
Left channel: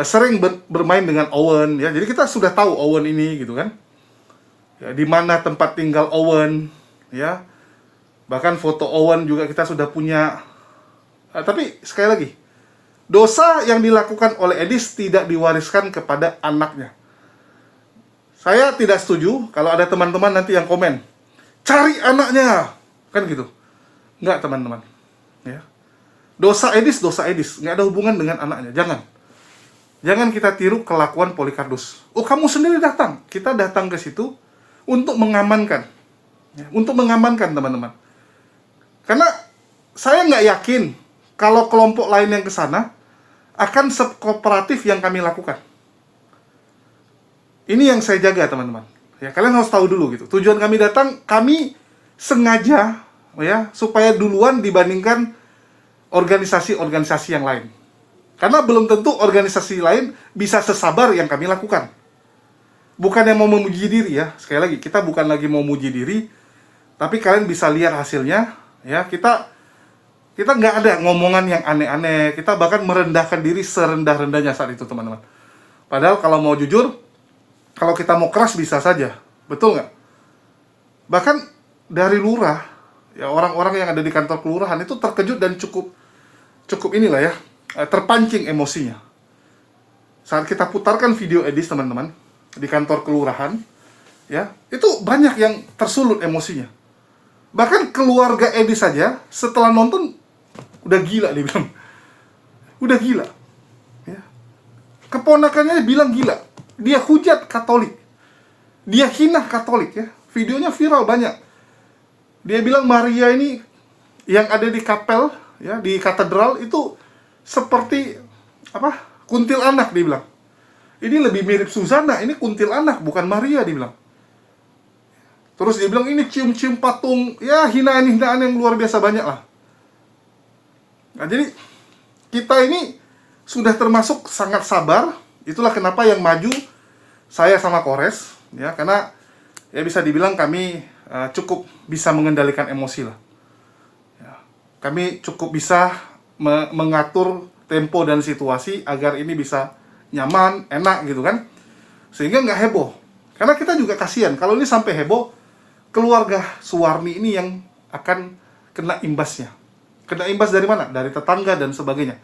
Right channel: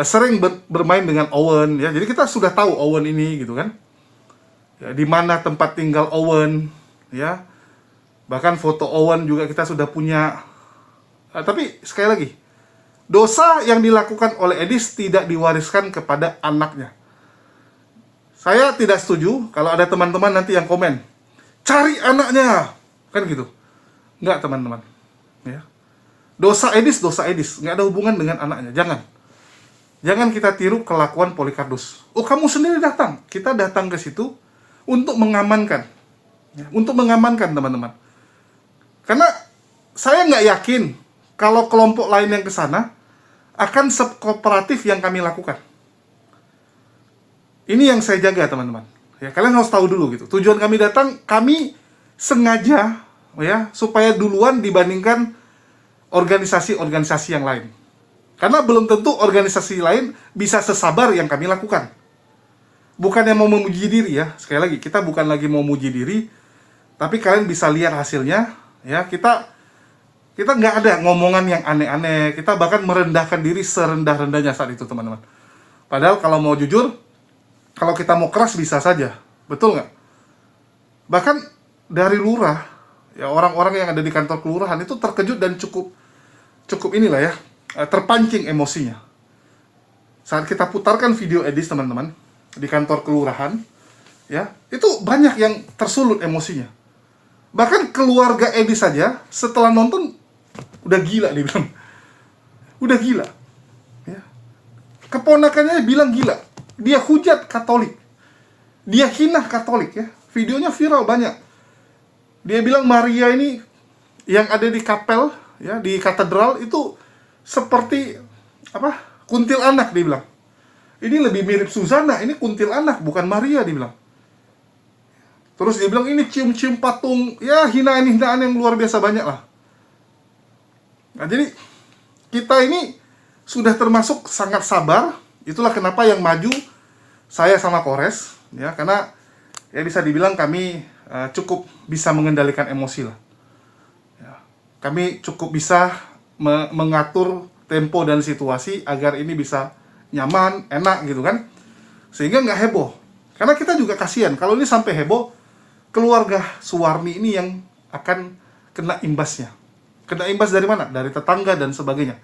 sering bermain dengan Owen ya. Jadi kita sudah tahu Owen ini gitu kan. Ya, di mana tempat tinggal Owen ya. Bahkan foto Owen juga kita sudah punya. Tapi sekali lagi, dosa yang dilakukan oleh Edis tidak diwariskan kepada anaknya. Saya tidak setuju kalau ada teman-teman nanti yang komen, cari anaknya, kan gitu. Enggak, teman-teman. Ya. Dosa Edis, nggak ada hubungan dengan anaknya. Jangan kita tiru kelakuan Polikardus. Oh, kamu sendiri datang. Kita datang ke situ untuk mengamankan. Ya, untuk mengamankan, teman-teman. Karena saya nggak yakin kalau kelompok lain yang ke sana akan sekooperatif yang kami lakukan. Ini yang saya jaga, teman-teman. Ya, kalian harus tahu dulu gitu. Tujuan kami datang, kami sengaja ya supaya duluan dibandingkan organisasi-organisasi yang lain. Karena belum tentu organisasi lain bisa sesabar yang kami lakukan. Bukan yang mau memuji diri ya. Sekali lagi, kita bukan lagi mau memuji diri, tapi kalian bisa lihat hasilnya ya. Kita nggak ada ngomongan yang aneh-aneh. Kita bahkan merendahkan diri serendah-rendahnya saat itu, teman-teman. Padahal kalau mau jujur, kalau kita mau keras bisa saja. Betul nggak? Bahkan dari lurah, ya orang-orang yang ada di kantor kelurahan itu terkejut dan cukup inilah ya, terpancing emosinya. Saat kita putarkan video Edis teman-teman di kantor kelurahan, ya itu banyak yang tersulut emosinya. Bahkan keluarga Edis saja setelah nonton udah gila, dia bilang, udah gila. Ya. Keponakannya bilang gila, dia hujat Katolik, dia hina Katolik ya. Videonya viral banyak. Dia bilang Maria ini yang ada di kapel ya, di katedral itu seperti apa? Kuntilanak, dia bilang. Ini lebih mirip Susana, ini kuntilanak bukan Maria, dia bilang. Terus dia bilang ini cium-cium patung, ya hinaan-hinaan yang luar biasa banyak lah. Nah, jadi kita ini sudah termasuk sangat sabar. Itulah kenapa yang maju saya sama Kores ya, karena ya bisa dibilang kami cukup bisa mengendalikan emosi lah. Ya, kami cukup bisa mengatur tempo dan situasi agar ini bisa nyaman, enak gitu kan. Sehingga nggak heboh. Karena kita juga kasihan kalau ini sampai heboh, keluarga Suwarni ini yang akan kena imbasnya. Kena imbas dari mana? Dari tetangga dan sebagainya.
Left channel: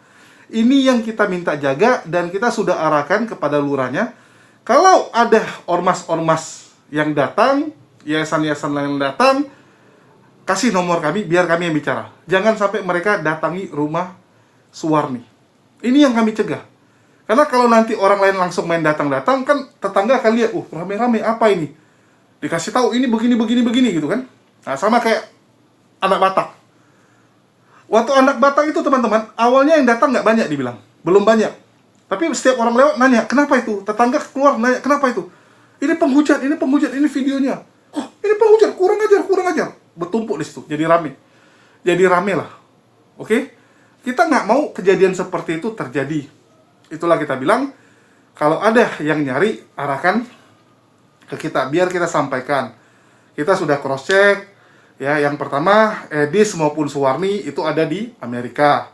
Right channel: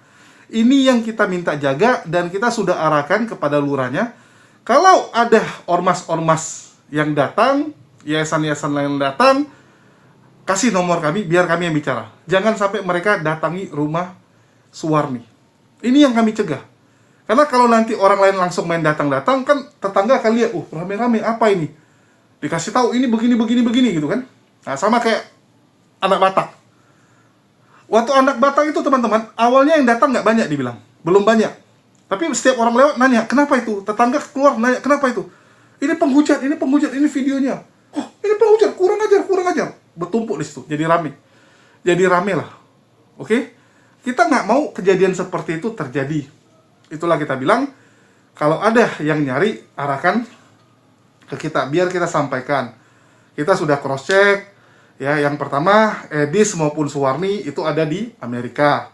Ini yang kita minta jaga dan kita sudah arahkan kepada lurahnya. Kalau ada ormas-ormas yang datang, yayasan-yayasan lain datang, kasih nomor kami, biar kami yang bicara. Jangan sampai mereka datangi rumah Suwarni. Ini yang kami cegah. Karena kalau nanti orang lain langsung main datang-datang, kan tetangga akan lihat, rame-rame, apa ini? Dikasih tahu, ini begini, gitu kan. Nah, sama kayak anak Batak. Waktu anak Batak itu teman-teman, awalnya yang datang nggak banyak dibilang. Belum banyak. Tapi setiap orang lewat nanya, kenapa itu? Tetangga keluar nanya, kenapa itu? Ini penghujat, ini videonya. Oh, ini penghujat, kurang ajar. Bertumpuk di situ, jadi rame. Jadi rame lah. Oke? Kita nggak mau kejadian seperti itu terjadi. Itulah kita bilang, kalau ada yang nyari, arahkan ke kita, biar kita sampaikan. Kita sudah cross-check, ya, yang pertama, Edis maupun Suwarni itu ada di Amerika.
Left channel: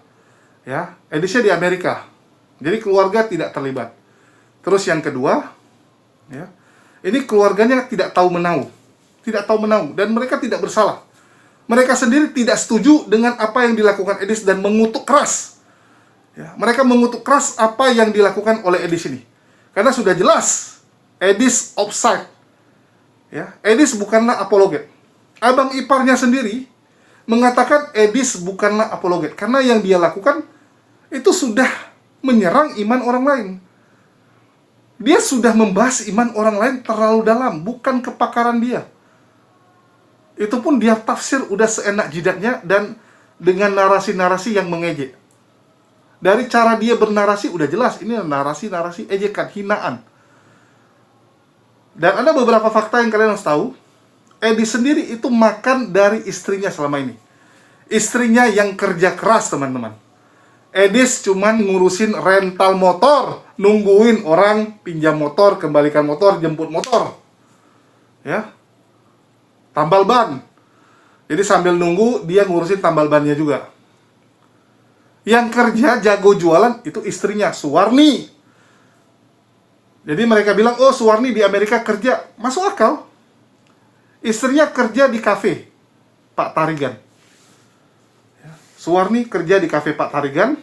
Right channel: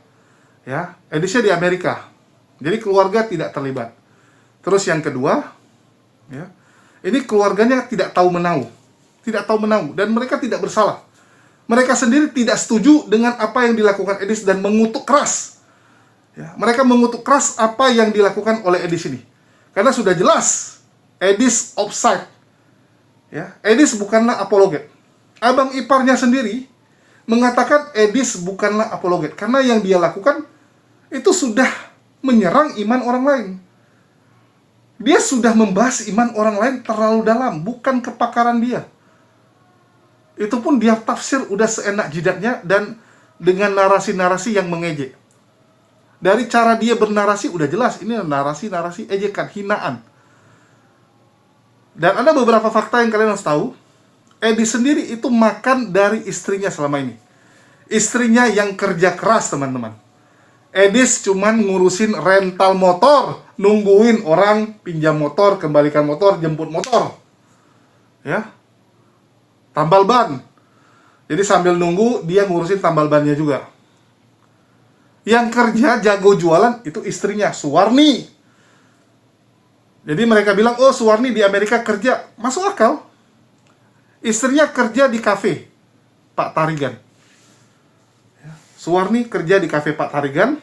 Ya, Edisnya di Amerika. Jadi keluarga tidak terlibat. Terus yang kedua, ya, ini keluarganya tidak tahu menahu. Dan mereka tidak bersalah. Mereka sendiri tidak setuju dengan apa yang dilakukan Edis dan mengutuk keras. Ya, mereka mengutuk keras apa yang dilakukan oleh Edis ini. Karena sudah jelas Edis offside. Ya, Edis bukanlah apologet. Abang iparnya sendiri mengatakan Edis bukanlah apologet. Karena yang dia lakukan itu sudah menyerang iman orang lain. Dia sudah membahas iman orang lain terlalu dalam, bukan kepakaran dia. Itu pun dia tafsir udah seenak jidatnya dan dengan narasi-narasi yang mengejek. Dari cara dia bernarasi udah jelas ini narasi-narasi ejekan, hinaan. Dan ada beberapa fakta yang kalian harus tahu. Edis sendiri itu makan dari istrinya selama ini. Istrinya yang kerja keras, teman-teman. Edis cuman ngurusin rental motor, nungguin orang pinjam motor, kembalikan motor, jemput motor. Ya. Tambal ban. Jadi sambil nunggu dia ngurusin tambal bannya juga. Yang kerja jago jualan itu istrinya, Suwarni. Jadi mereka bilang, oh Suwarni di Amerika kerja. Masuk akal. Istrinya kerja di kafe Pak Tarigan. Suwarni kerja di kafe Pak Tarigan.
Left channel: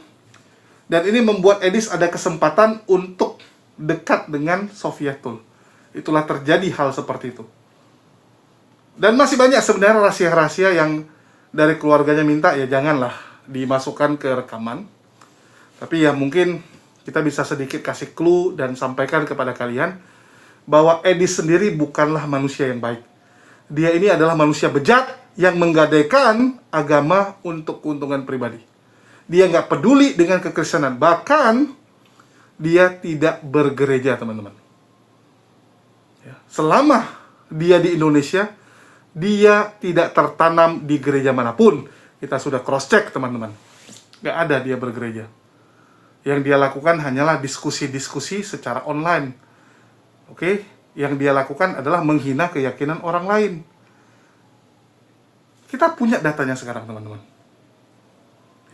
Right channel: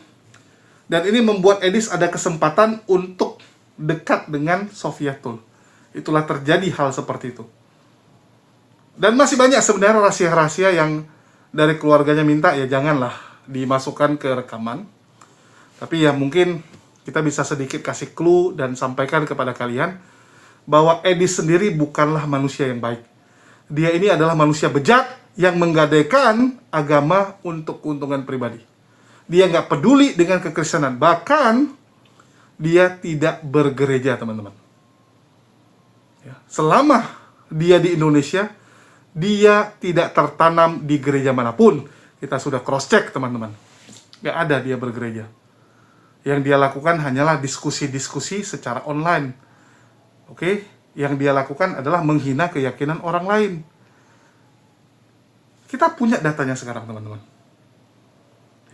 Dan ini membuat Edis ada kesempatan untuk dekat dengan Sofiatul. Itulah terjadi hal seperti itu. Dan masih banyak sebenarnya rahasia-rahasia yang dari keluarganya minta, ya janganlah dimasukkan ke rekaman. Tapi ya mungkin kita bisa sedikit kasih clue dan sampaikan kepada kalian bahwa Edis sendiri bukanlah manusia yang baik. Dia ini adalah manusia bejat yang menggadaikan agama untuk keuntungan pribadi. Dia nggak peduli dengan kekristenan. Bahkan dia tidak bergereja, teman-teman. Ya, selama dia di Indonesia, dia tidak tertanam di gereja manapun. Kita sudah cross-check, teman-teman. Nggak ada dia bergereja. Yang dia lakukan hanyalah diskusi-diskusi secara online. Oke? Yang dia lakukan adalah menghina keyakinan orang lain. Kita punya datanya sekarang, teman-teman.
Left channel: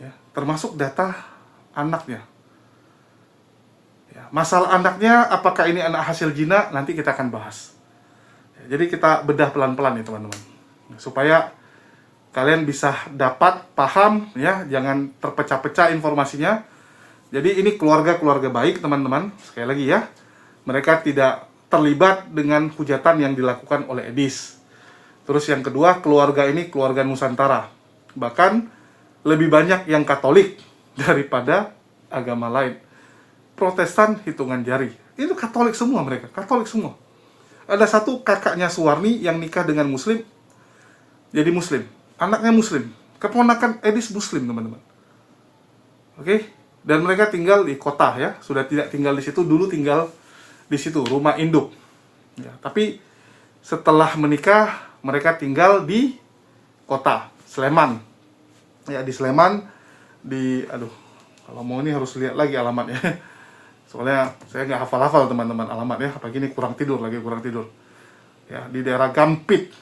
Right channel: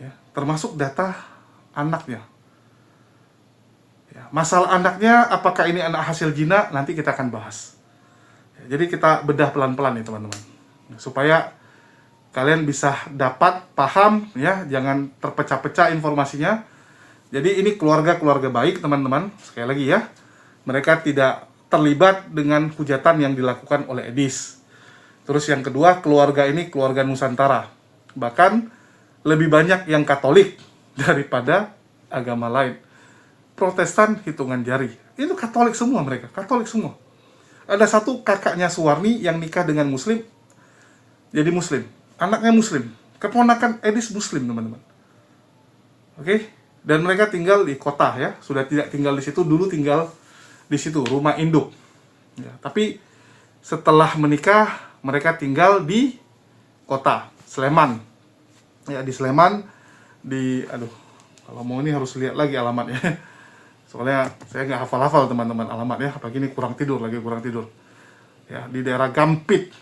Ya, termasuk data anaknya. Ya, masalah anaknya, apakah ini anak hasil zina, nanti kita akan bahas. Ya, jadi kita bedah pelan-pelan nih, teman-teman. Supaya kalian bisa dapat paham ya, jangan terpecah-pecah informasinya. Jadi ini keluarga baik teman-teman, sekali lagi ya, mereka tidak terlibat dengan hujatan yang dilakukan oleh Edis. Terus yang kedua, keluarga ini keluarga Nusantara, bahkan lebih banyak yang Katolik daripada agama lain. Protestan hitungan jari, itu Katolik semua, mereka Katolik semua. Ada satu kakaknya Suwarni yang nikah dengan Muslim, jadi Muslim, anaknya Muslim, keponakan Edis Muslim teman-teman. Oke, dan mereka tinggal di kota ya, sudah tidak tinggal di situ, dulu tinggal di situ, rumah induk. Ya, tapi setelah menikah mereka tinggal di kota Sleman. Ya, di Sleman, kalau mau ini harus lihat lagi alamatnya. Soalnya saya nggak hafal-hafal teman-teman alamatnya, apalagi ini kurang tidur. Ya, di daerah Gampit.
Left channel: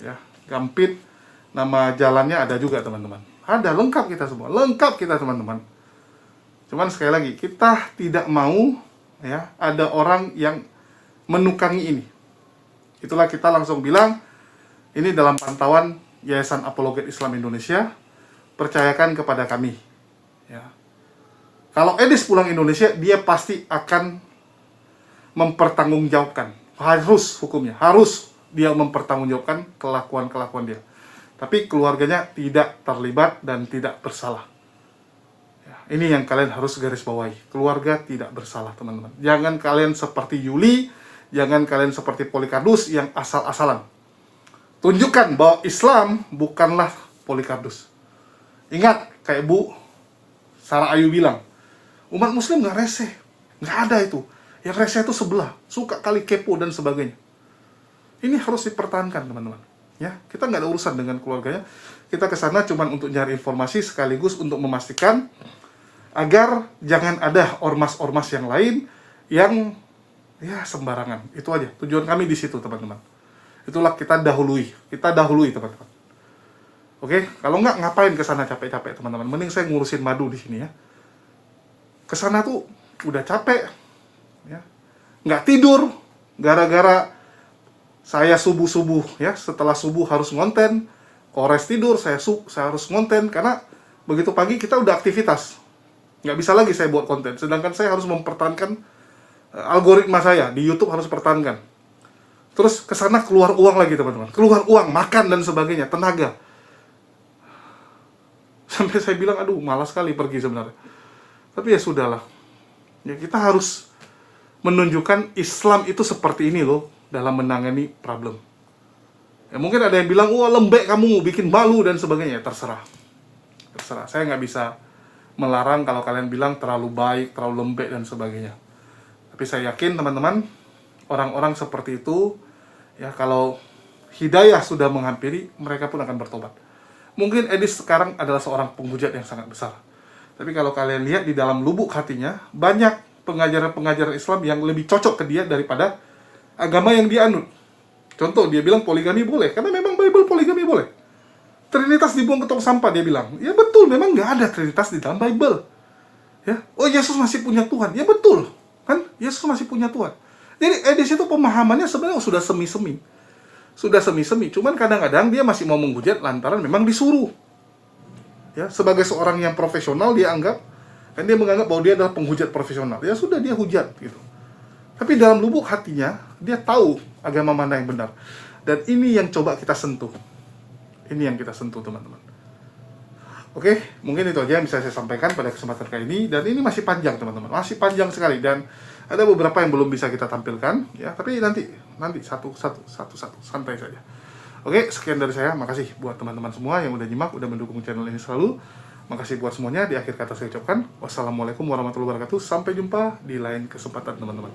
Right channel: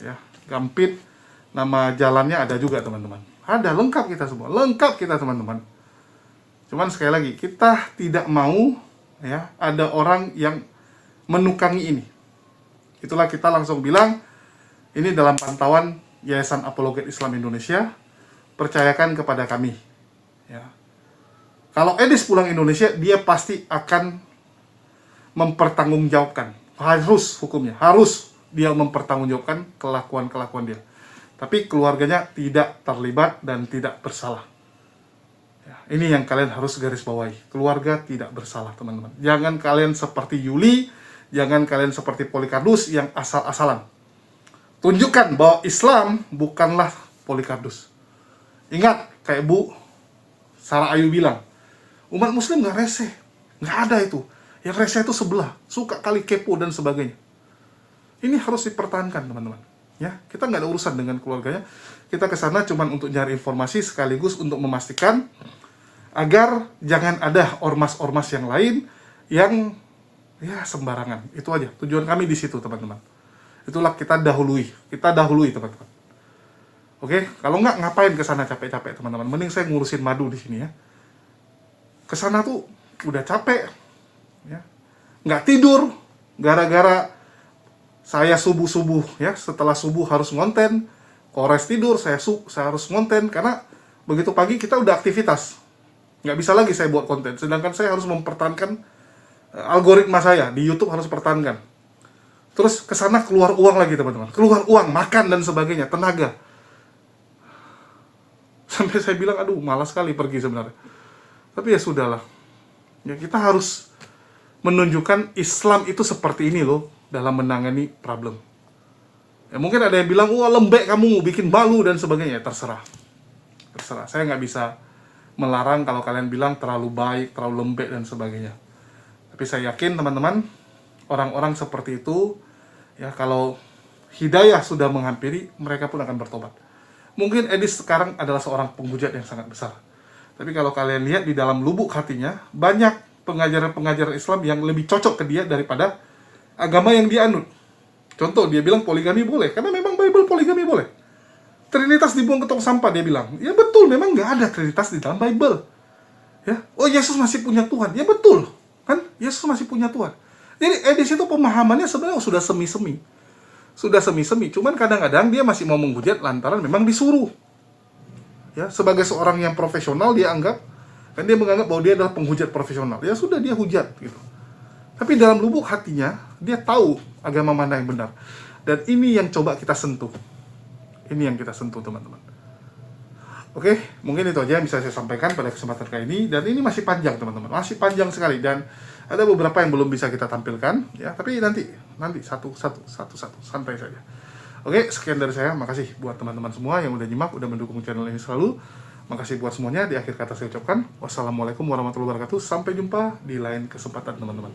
Ya, Gampit, nama jalannya ada juga teman-teman. Ada, lengkap kita teman-teman. Cuman sekali lagi, kita tidak mau ya ada orang yang menukangi ini. Itulah kita langsung bilang, ini dalam pantauan Yayasan Apologet Islam Indonesia, percayakan kepada kami. Ya. Kalau Edis pulang Indonesia, dia pasti akan mempertanggungjawabkan. Harus hukumnya, harus dia mempertanggungjawabkan kelakuan dia. Tapi keluarganya tidak terlibat dan tidak bersalah. Ya, ini yang kalian harus garis bawahi. Keluarga tidak bersalah, teman-teman. Jangan kalian seperti Yuli, jangan kalian seperti Polikardus yang asal-asalan. Tunjukkan bahwa Islam bukanlah Polikardus. Ingat, kayak Bu Sarah Ayu bilang, umat muslim nggak reseh. Nggak ada itu. Yang reseh itu sebelah. Suka kali kepo dan sebagainya. Ini harus dipertahankan, teman-teman. Ya, kita nggak ada urusan dengan keluarganya. Kita ke sana cuma untuk nyari informasi sekaligus untuk memastikan agar jangan ada ormas-ormas yang lain yang ya sembarangan. Itu aja. Tujuan kami di situ, teman-teman. Itulah kita dahului teman-teman. Oke, kalau nggak ngapain ke sana capek-capek teman-teman. Mending saya ngurusin madu di sini ya. Ke sana tuh udah capek, ya. Nggak tidur gara-gara saya subuh ya. Setelah subuh harus ngonten, kores tidur saya harus ngonten karena begitu pagi kita udah aktivitas. Nggak bisa lagi saya buat konten. Sedangkan saya harus mempertahankan algoritma saya di YouTube harus pertahankan. Terus ke sana keluar uang lagi teman-teman. Keluar uang, makan dan sebagainya, tenaga. Sampai saya bilang, aduh malas sekali pergi sebenarnya. Tapi ya sudahlah. Ya kita harus menunjukkan Islam itu seperti ini loh dalam menangani problem. Ya mungkin ada yang bilang, wah lembek kamu, bikin malu dan sebagainya. Terserah. Saya nggak bisa melarang kalau kalian bilang terlalu baik, terlalu lembek dan sebagainya. Tapi saya yakin teman-teman, orang-orang seperti itu, ya kalau hidayah sudah menghampiri, mereka pun akan bertobat. Mungkin Edis sekarang adalah seorang penghujat yang sangat besar. Tapi kalau kalian lihat di dalam lubuk hatinya, banyak pengajaran-pengajaran Islam yang lebih cocok ke dia daripada agama yang dia anut. Contoh, dia bilang poligami boleh, karena memang Bible poligami boleh. Trinitas dibuang ke tong sampah, dia bilang. Ya betul, memang nggak ada Trinitas di dalam Bible. Ya, oh Yesus masih punya Tuhan. Ya betul, kan? Yesus masih punya Tuhan. Jadi Edis itu pemahamannya sebenarnya sudah semi-semi. Cuman kadang-kadang dia masih mau menghujat lantaran memang disuruh. Ya, sebagai seorang yang profesional dia menganggap bahwa dia adalah penghujat profesional. Ya sudah, dia hujat gitu. Tapi dalam lubuk hatinya dia tahu agama mana yang benar. Dan ini yang coba kita sentuh. Ini yang kita sentuh, teman-teman. Oke, mungkin itu aja yang bisa saya sampaikan pada kesempatan kali ini. Dan ini masih panjang, teman-teman. Masih panjang sekali. Dan ada beberapa yang belum bisa kita tampilkan. Ya, tapi nanti satu, santai saja. Oke, sekian dari saya. Makasih buat teman-teman semua yang udah nyimak, udah mendukung channel ini selalu. Makasih buat semuanya. Di akhir kata saya ucapkan, wassalamualaikum warahmatullahi wabarakatuh. Sampai jumpa di lain kesempatan, teman-teman.